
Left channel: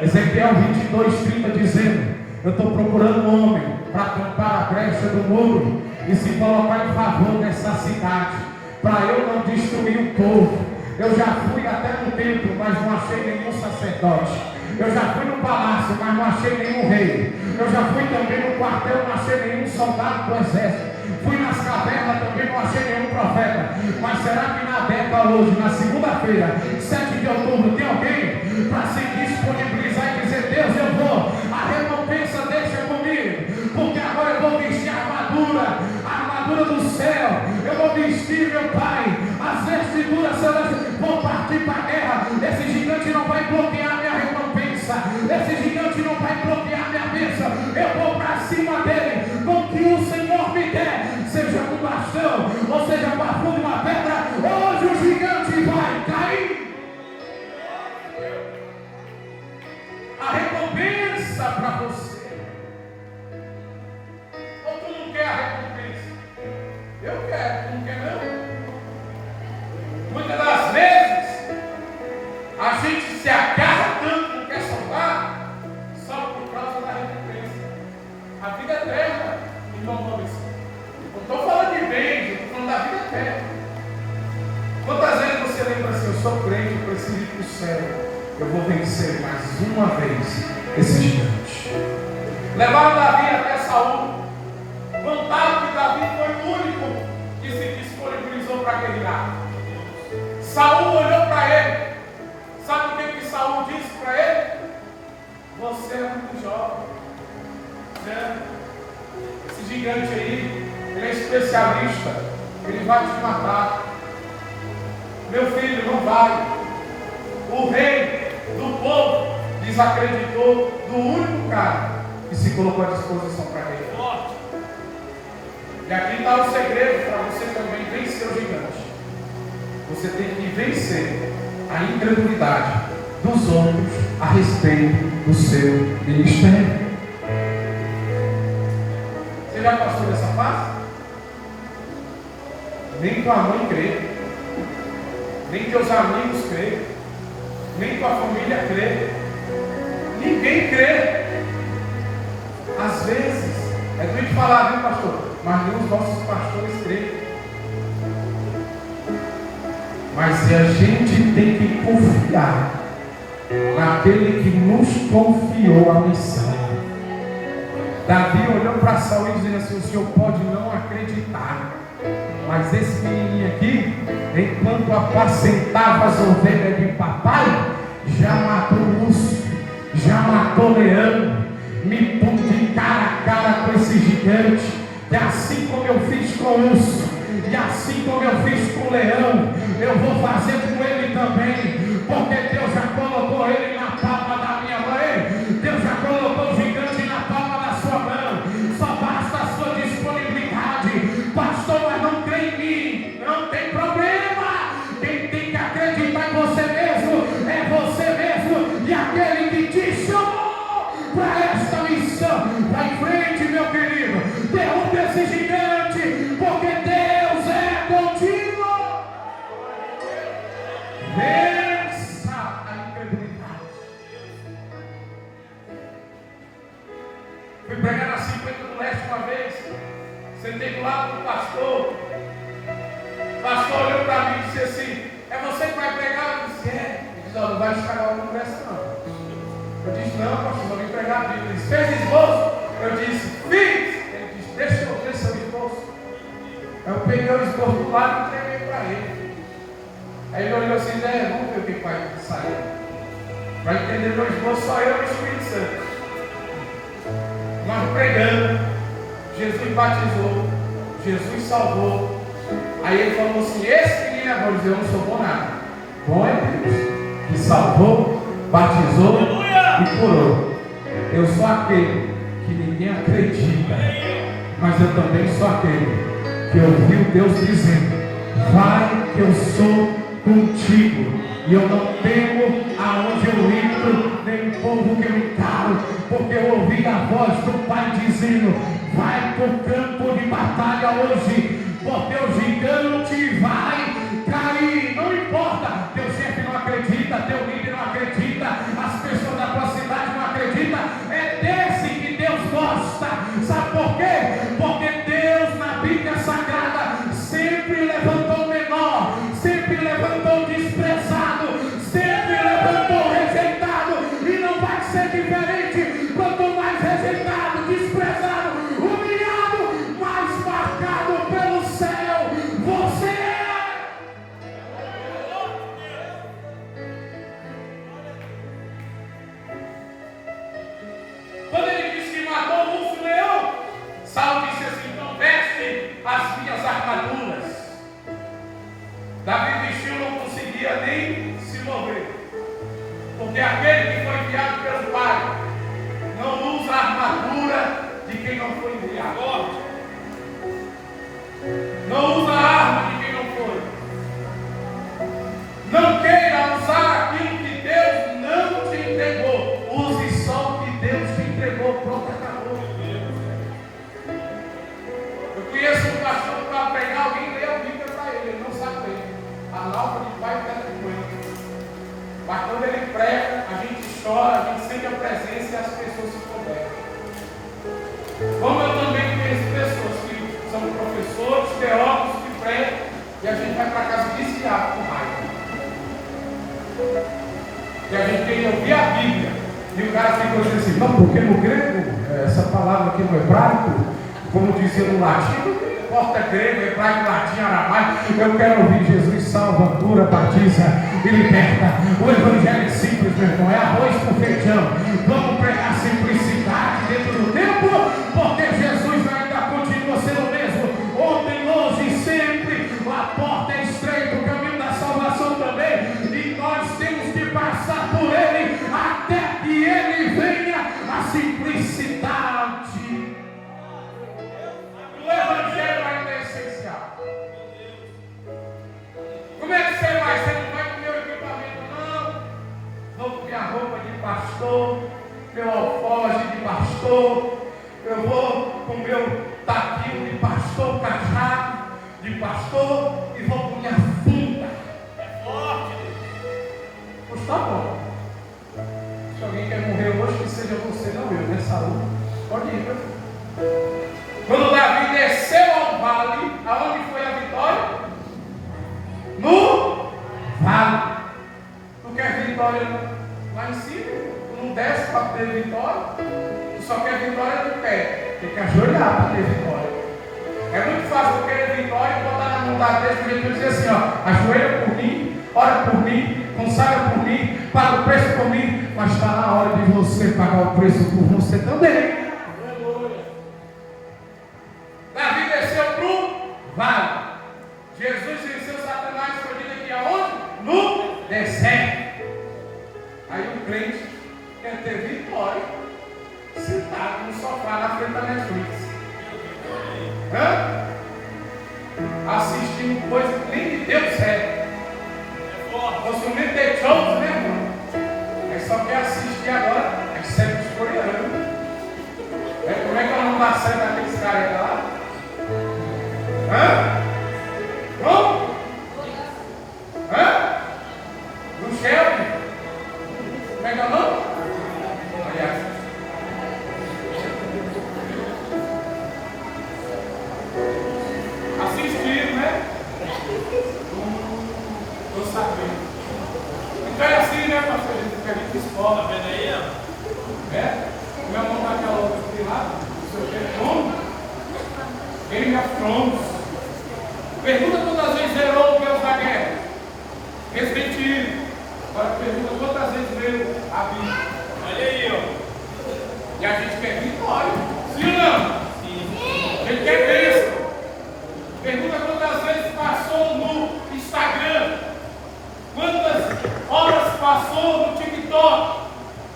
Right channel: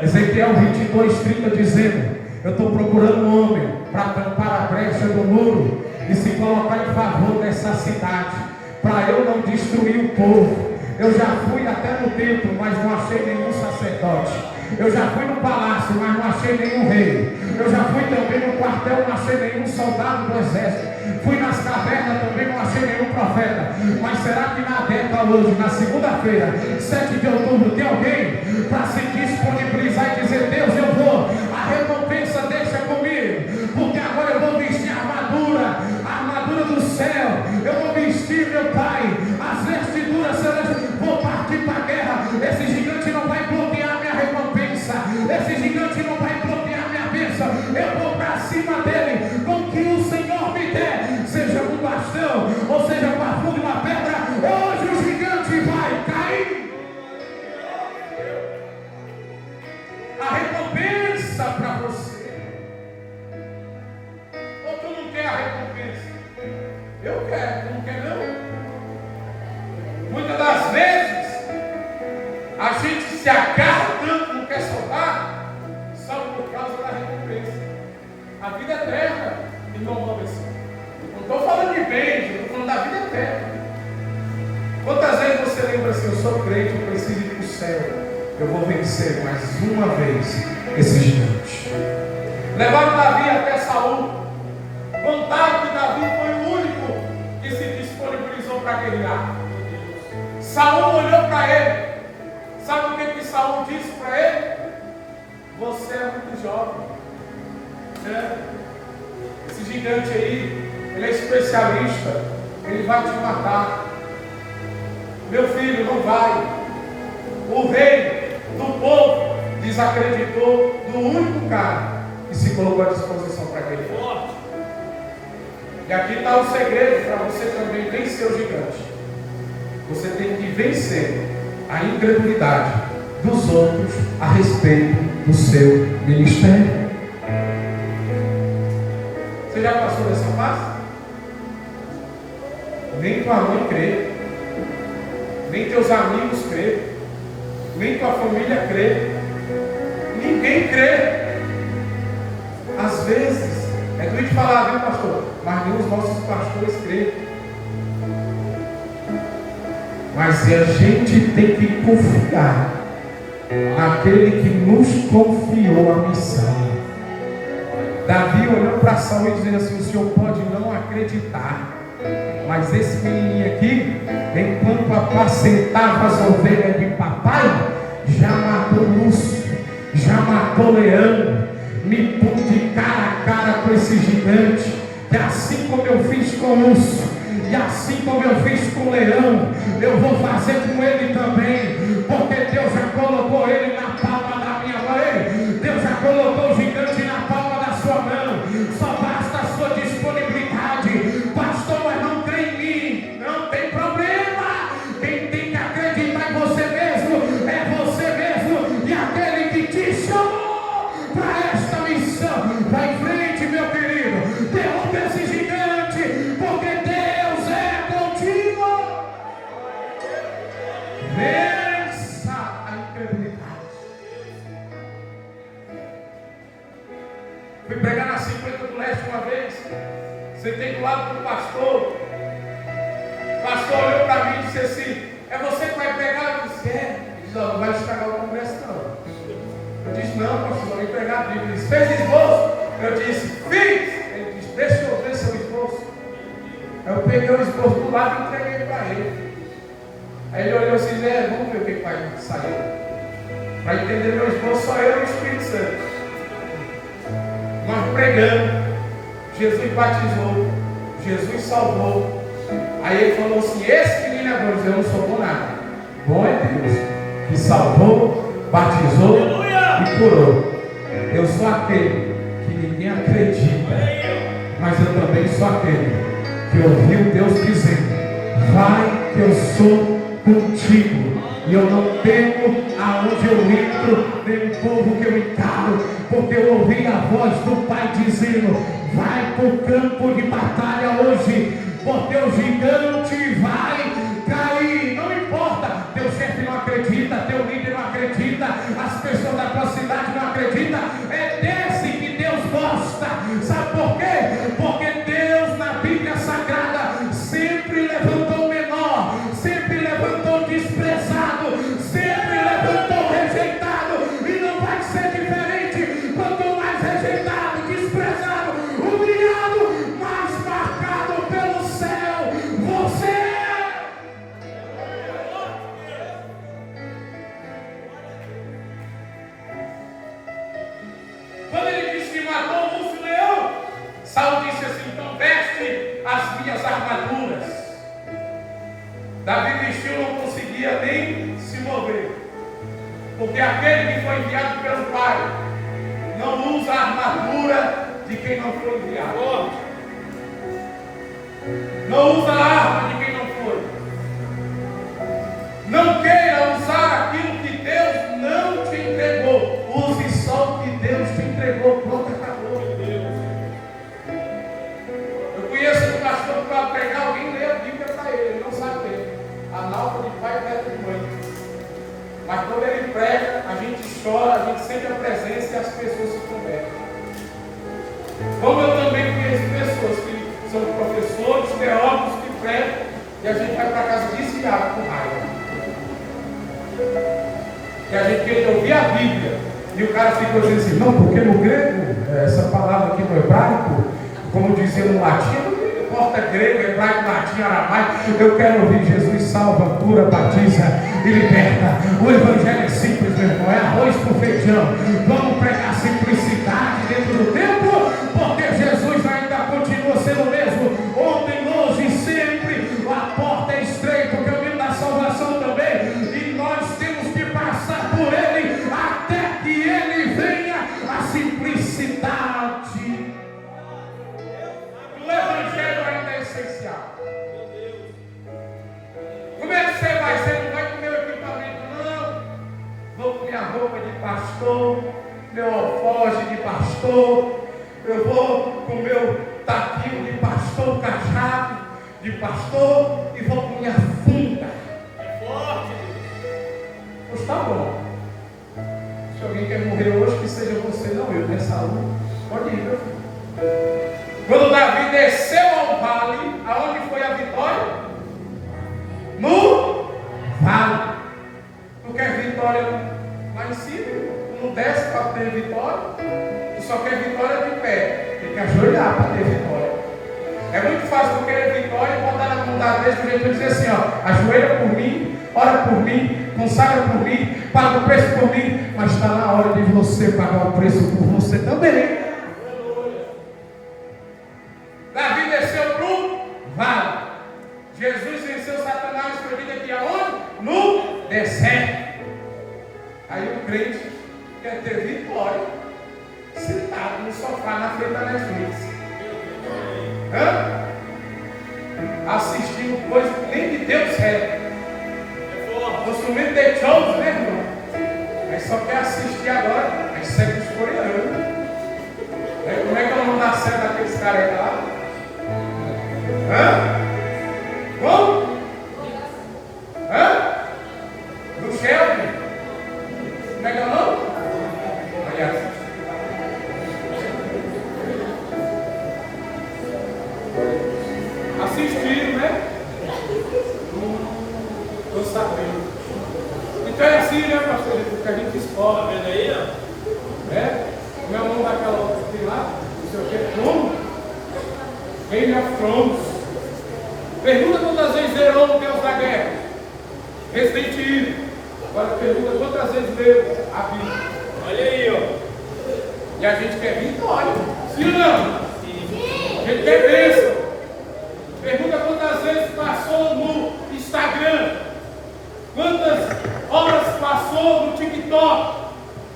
Ezequiel 22:30 dizendo, eu estou procurando um homem para tampar a brecha do muro e se colocar em favor dessa cidade, para eu não destruir o povo. Eu já fui até no templo, mas não achei nenhum sacerdote. Eu já fui no palácio, mas não achei nenhum rei. Eu já fui também no quartel, não achei nenhum soldado do exército. Fui nas cavernas, também não achei nenhum profeta. Mas será que na data hoje, na segunda-feira, 7 de outubro, tem alguém para se disponibilizar e dizer, Deus, eu vou, a recompensa deixa comigo, porque agora eu vou vestir a armadura do céu, eu vou vestir, meu Pai, as vestiduras celestiais, vou partir para a guerra. Esse gigante não vai bloquear minha recompensa, esse gigante não vai bloquear minha bênção. Eu vou para cima dele, com o que o Senhor me der, seja com bastão, ou seja com a funda de uma pedra, hoje o gigante vai cair. A recompensa para você. Ou tu não quer a recompensa? Eu quero, tu não quer não? Muitas das vezes a gente se agarra tanto, não quer salvar, salva por causa da recompensa. A vida eterna, irmão Gomes. Não estou falando de bens, estou falando da vida eterna. Quantas vezes você lembra assim, eu sou crente, eu preciso ir para o céu, eu vou vencer mais uma vez esse gigante. Levaram Davi até Saul. Contaram que Davi foi o único que se disponibilizou para guerrear. Saul olhou para ele. Sabe o que Saul disse para ele? Você é muito jovem. Esse gigante aí, ele é especialista. Ele vai te matar. Meu filho, não vai. O rei do povo desacreditou do único cara que se colocou à disposição para guerrear. E aqui está o segredo para você também vencer o gigante. Você tem que vencer a incredulidade dos outros a respeito do seu ministério. Você já passou dessa fase? Nem tua mãe crê, nem teus amigos crê, nem tua família crê, ninguém crê. Às vezes, é doido falar, viu, pastor? Mas nem os nossos pastores creem. Mas a gente tem que confiar naquele que nos confiou a missão. Davi olhou para Saul e dizendo assim, o senhor pode não acreditar, mas esse menininho aqui, enquanto apacentava as ovelhas de papai, já matou urso, já matou leão, me pôs de cara a cara com esse gigante. E assim como eu fiz com o urso, e assim como eu fiz com o leão, eu vou fazer com ele também, porque Deus já colocou ele na palma da minha mão. Deus já colocou o gigante na palma da sua mão. Só basta a sua disponibilidade. Pastor, mas não crê em mim. Não tem problema. Quem tem que acreditar em você mesmo é você mesmo e aquele que te chamou para esta missão. Vai em frente, meu querido. Derruba esse gigante, porque Deus é contigo. Vença a incredulidade. Fui pregar na 50 do Leste uma vez. Sentei do lado do pastor. O pastor olhou para mim e disse assim: é você que vai pregar? Eu disse: é. Ele disse: não vai estragar o congresso não. Eu disse: não, pastor, vou pregar a Bíblia. Ele disse: fez esboço? Eu disse: fiz. Ele disse: deixa eu ver seu esboço. Eu peguei o esboço do lado e entreguei para ele. Aí ele olhou assim: vamos ver o que vai sair. Para entender meu esboço, só eu e o Espírito Santo. Nós pregando, Jesus batizou, Jesus salvou. Aí ele falou assim: esse menino é bom. Eu disse: eu não sou bom nada. Bom é Deus, que salvou, batizou e curou. Eu sou aquele que ninguém acredita, mas eu também sou aquele que ouviu Deus dizendo: vai que eu sou contigo, e eu não temo aonde eu entro, nem o povo que eu encaro, porque eu ouvi a voz do Pai dizendo: vai para o campo de batalha hoje, porque o gigante vai cair. Não importa, teu chefe não acredita, teu líder não acredita, as pessoas da tua cidade não acreditam, é desse que Deus gosta. Sabe por quê? Porque Deus na Bíblia Sagrada sempre levantou o menor, sempre levantou o desprezado, sempre levantou o rejeitado, e não vai ser diferente. Quanto mais rejeitado, desprezado, humilhado, mais marcado pelo céu você é. Quando ele disse que matou o urso leão, Saulo disse assim: então veste as minhas armaduras. Davi vestiu, não conseguia nem se mover, porque aquele que foi enviado pelo Pai não usa a armadura de quem não foi enviado, não usa a arma de quem não foi. Não queira usar aquilo que Deus não te entregou, use só o que Deus te entregou. Pronto, acabou. Eu conheço um pastor que para pregar alguém lê a Bíblia para ele, ele não sabe ler. A nova de pai e terra de mãe. Mas quando ele prega, a gente chora, a gente sente a presença e as pessoas se convertem. Como eu também conheço pessoas que são professores, teólogos que pregam, e a gente vai para casa desviado com raiva. E a gente quer ouvir a Bíblia, e o cara fica dizendo assim: não, porque no grego, essa palavra aqui no hebraico, como dizia no latim, importa grego, hebraico, latim, aramaico. Eu quero ouvir Jesus salva, cura, batiza e liberta. O evangelho é simples, meu irmão, é arroz com feijão. Vamos pregar simplicidade dentro do tempo, porque Jesus ainda continua sendo o mesmo, ontem, hoje e sempre. A porta é estreita, o caminho da salvação também, e nós temos que passar por ele até que ele venha. A simplicidade. O evangelho ainda é essencial. Como é que você vai? Você não vai com meu equipamento, não. Vou com minha roupa de pastor, meu alforje de pastor, eu vou com meu taquinho de pastor, cajado de pastor, e vou com minha funda. É forte. Pois tá bom. Se alguém quer morrer hoje, que seja você, não eu. Minha saúde, pode ir, meu filho. Quando Davi desceu ao vale, aonde foi a vitória? No vale. Tu quer vitória lá em cima? Tu não desce para ter vitória? Tu só quer vitória de pé. Tem que ajoelhar para ter vitória. É muito fácil tu querer vitória e botar na mão da besta e dizer assim: ó, ajoelha por mim, ora por mim, consagra por mim, paga o preço por mim. Mas está na hora de você pagar o preço por você também. Davi desceu para o vale. Jesus venceu Satanás, foi vida aqui aonde? No deserto. Aí o crente quer ter vitória sentado no sofá na frente da Netflix. Assistindo coisa que nem de Deus é. Consumindo The Chosen, né, irmão? Aí só quer assistir agora as séries coreanas. Como é que é o nome da série daqueles caras lá? Como? Do Shelby? Como é que é o nome? Olha. Assistiram, né? Estou sabendo. Então é assim, né, pastor? Que a gente escola. Tá vendo aí, ó? Meu nome daquela outra que tem lá, o seu Trono. Game of Thrones. Pergunta quantas vezes zerou o Deus da Guerra. Resident Evil. Agora pergunta quantas vezes leu a Bíblia. Olha aí, ó. E a gente quer vitória. Sim ou não? Sim. A gente quer bênção. Pergunta quantas vezes passou no Instagram. Quantas horas passou no TikTok,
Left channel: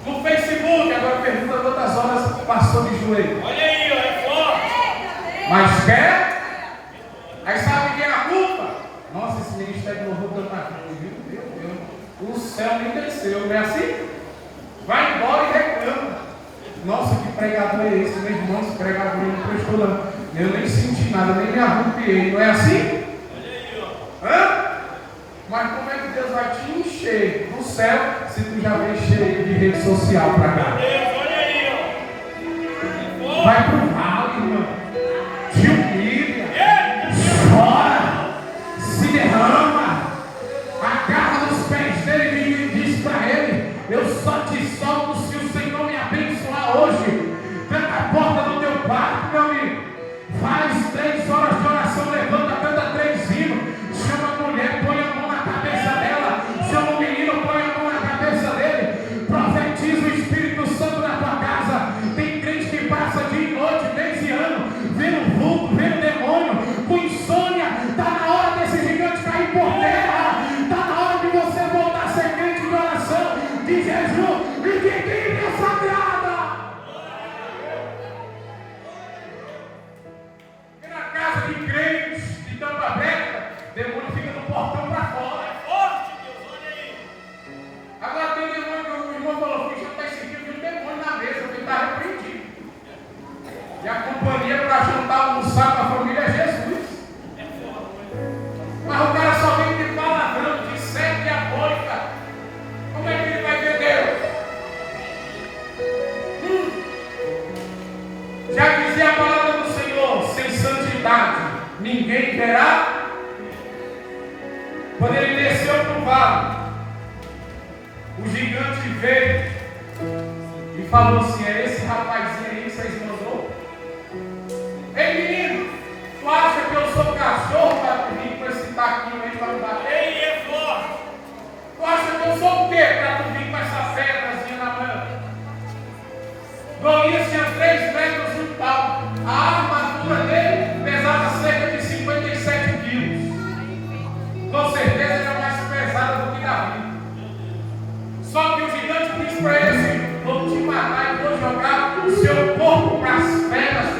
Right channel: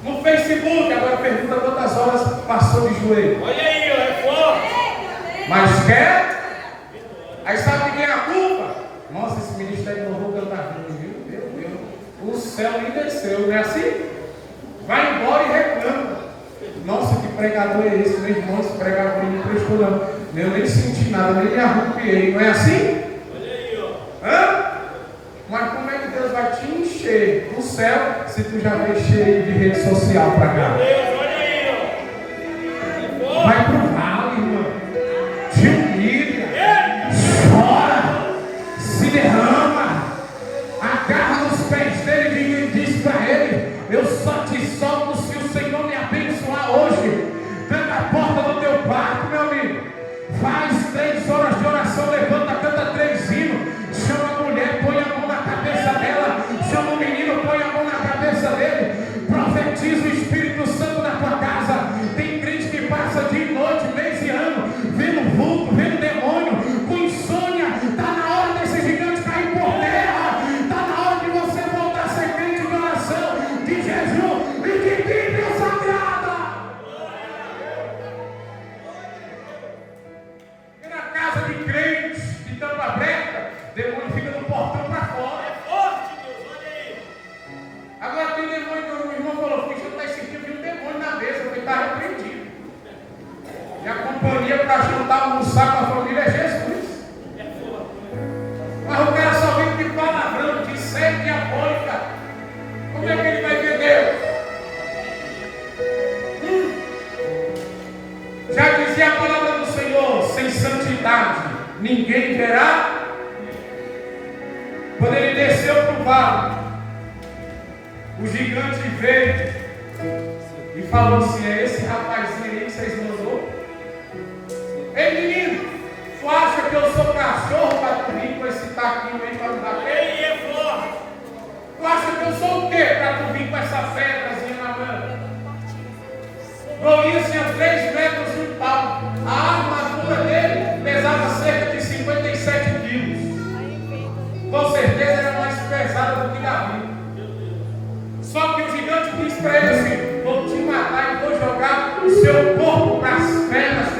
no Facebook. Agora pergunta quantas horas passou de joelho. Olha aí, é forte. Mas quer? Aí sabe quem é a culpa? Nossa, esse ministério de louvor canta ruim, viu? Meu Deus, o céu nem desceu, não é assim? Vai embora e reclama. Nossa, que pregador é esse? Meu irmão, esse pregador não prestou não. Eu nem senti nada, nem me arrupiei, não é assim? Olha aí, ó. Hã? Mas como é que Deus vai te encher do céu se tu já vem cheio de rede social pra cá? Olha aí, ó. Vai pro vale, irmão. Te humilha. Chora. Se derrama. Agarra nos pés dele e diz pra ele: eu só te solto se o Senhor me abençoar hoje. Tranca a porta do teu quarto, meu amigo. Faz 3 horas de oração, levanta, canta 3 hinos. Chama a mulher, põe a mão na cabeça dela. Chama o menino, põe a mão na cabeça dele. Profetiza o Espírito Santo na tua casa. Tem crente que passa dia e noite, mês e ano, vendo vulto, vendo demônio, com insônia. Está na hora desse gigante cair por terra. Está na hora de você voltar a ser crente de oração, de jejum e de Bíblia Sagrada. E na casa de crentes, de tampa aberta, demônio fica do portão para fora. É forte, Deus, olha aí. Agora tem demônio que o irmão falou: Cristo está sentindo um demônio na mesa, porque está repreendido. E a companhia para jantar, almoçar com a família é Jesus. Mas o cara só vem de palavrão, de sede diabólica. Como é que ele vai ver Deus? Já dizia a palavra do Senhor: sem santidade ninguém verá. Quando ele desceu para o vale, o gigante veio e falou assim: é esse rapazinho aí que vocês mandou? Ei, menino, tu acha que eu sou cachorro para tu vir com esse taquinho aí para me bater? Ele é forte. Tu acha que eu sou o quê para tu vir com essa pedrazinha na mão? Golias tinha 3 metros e um pau. A armadura dele pesava cerca de 57 quilos. Com certeza era mais pesada do que Davi. Só que o gigante disse para ele assim: vou te matar e vou jogar o seu corpo para as pedras.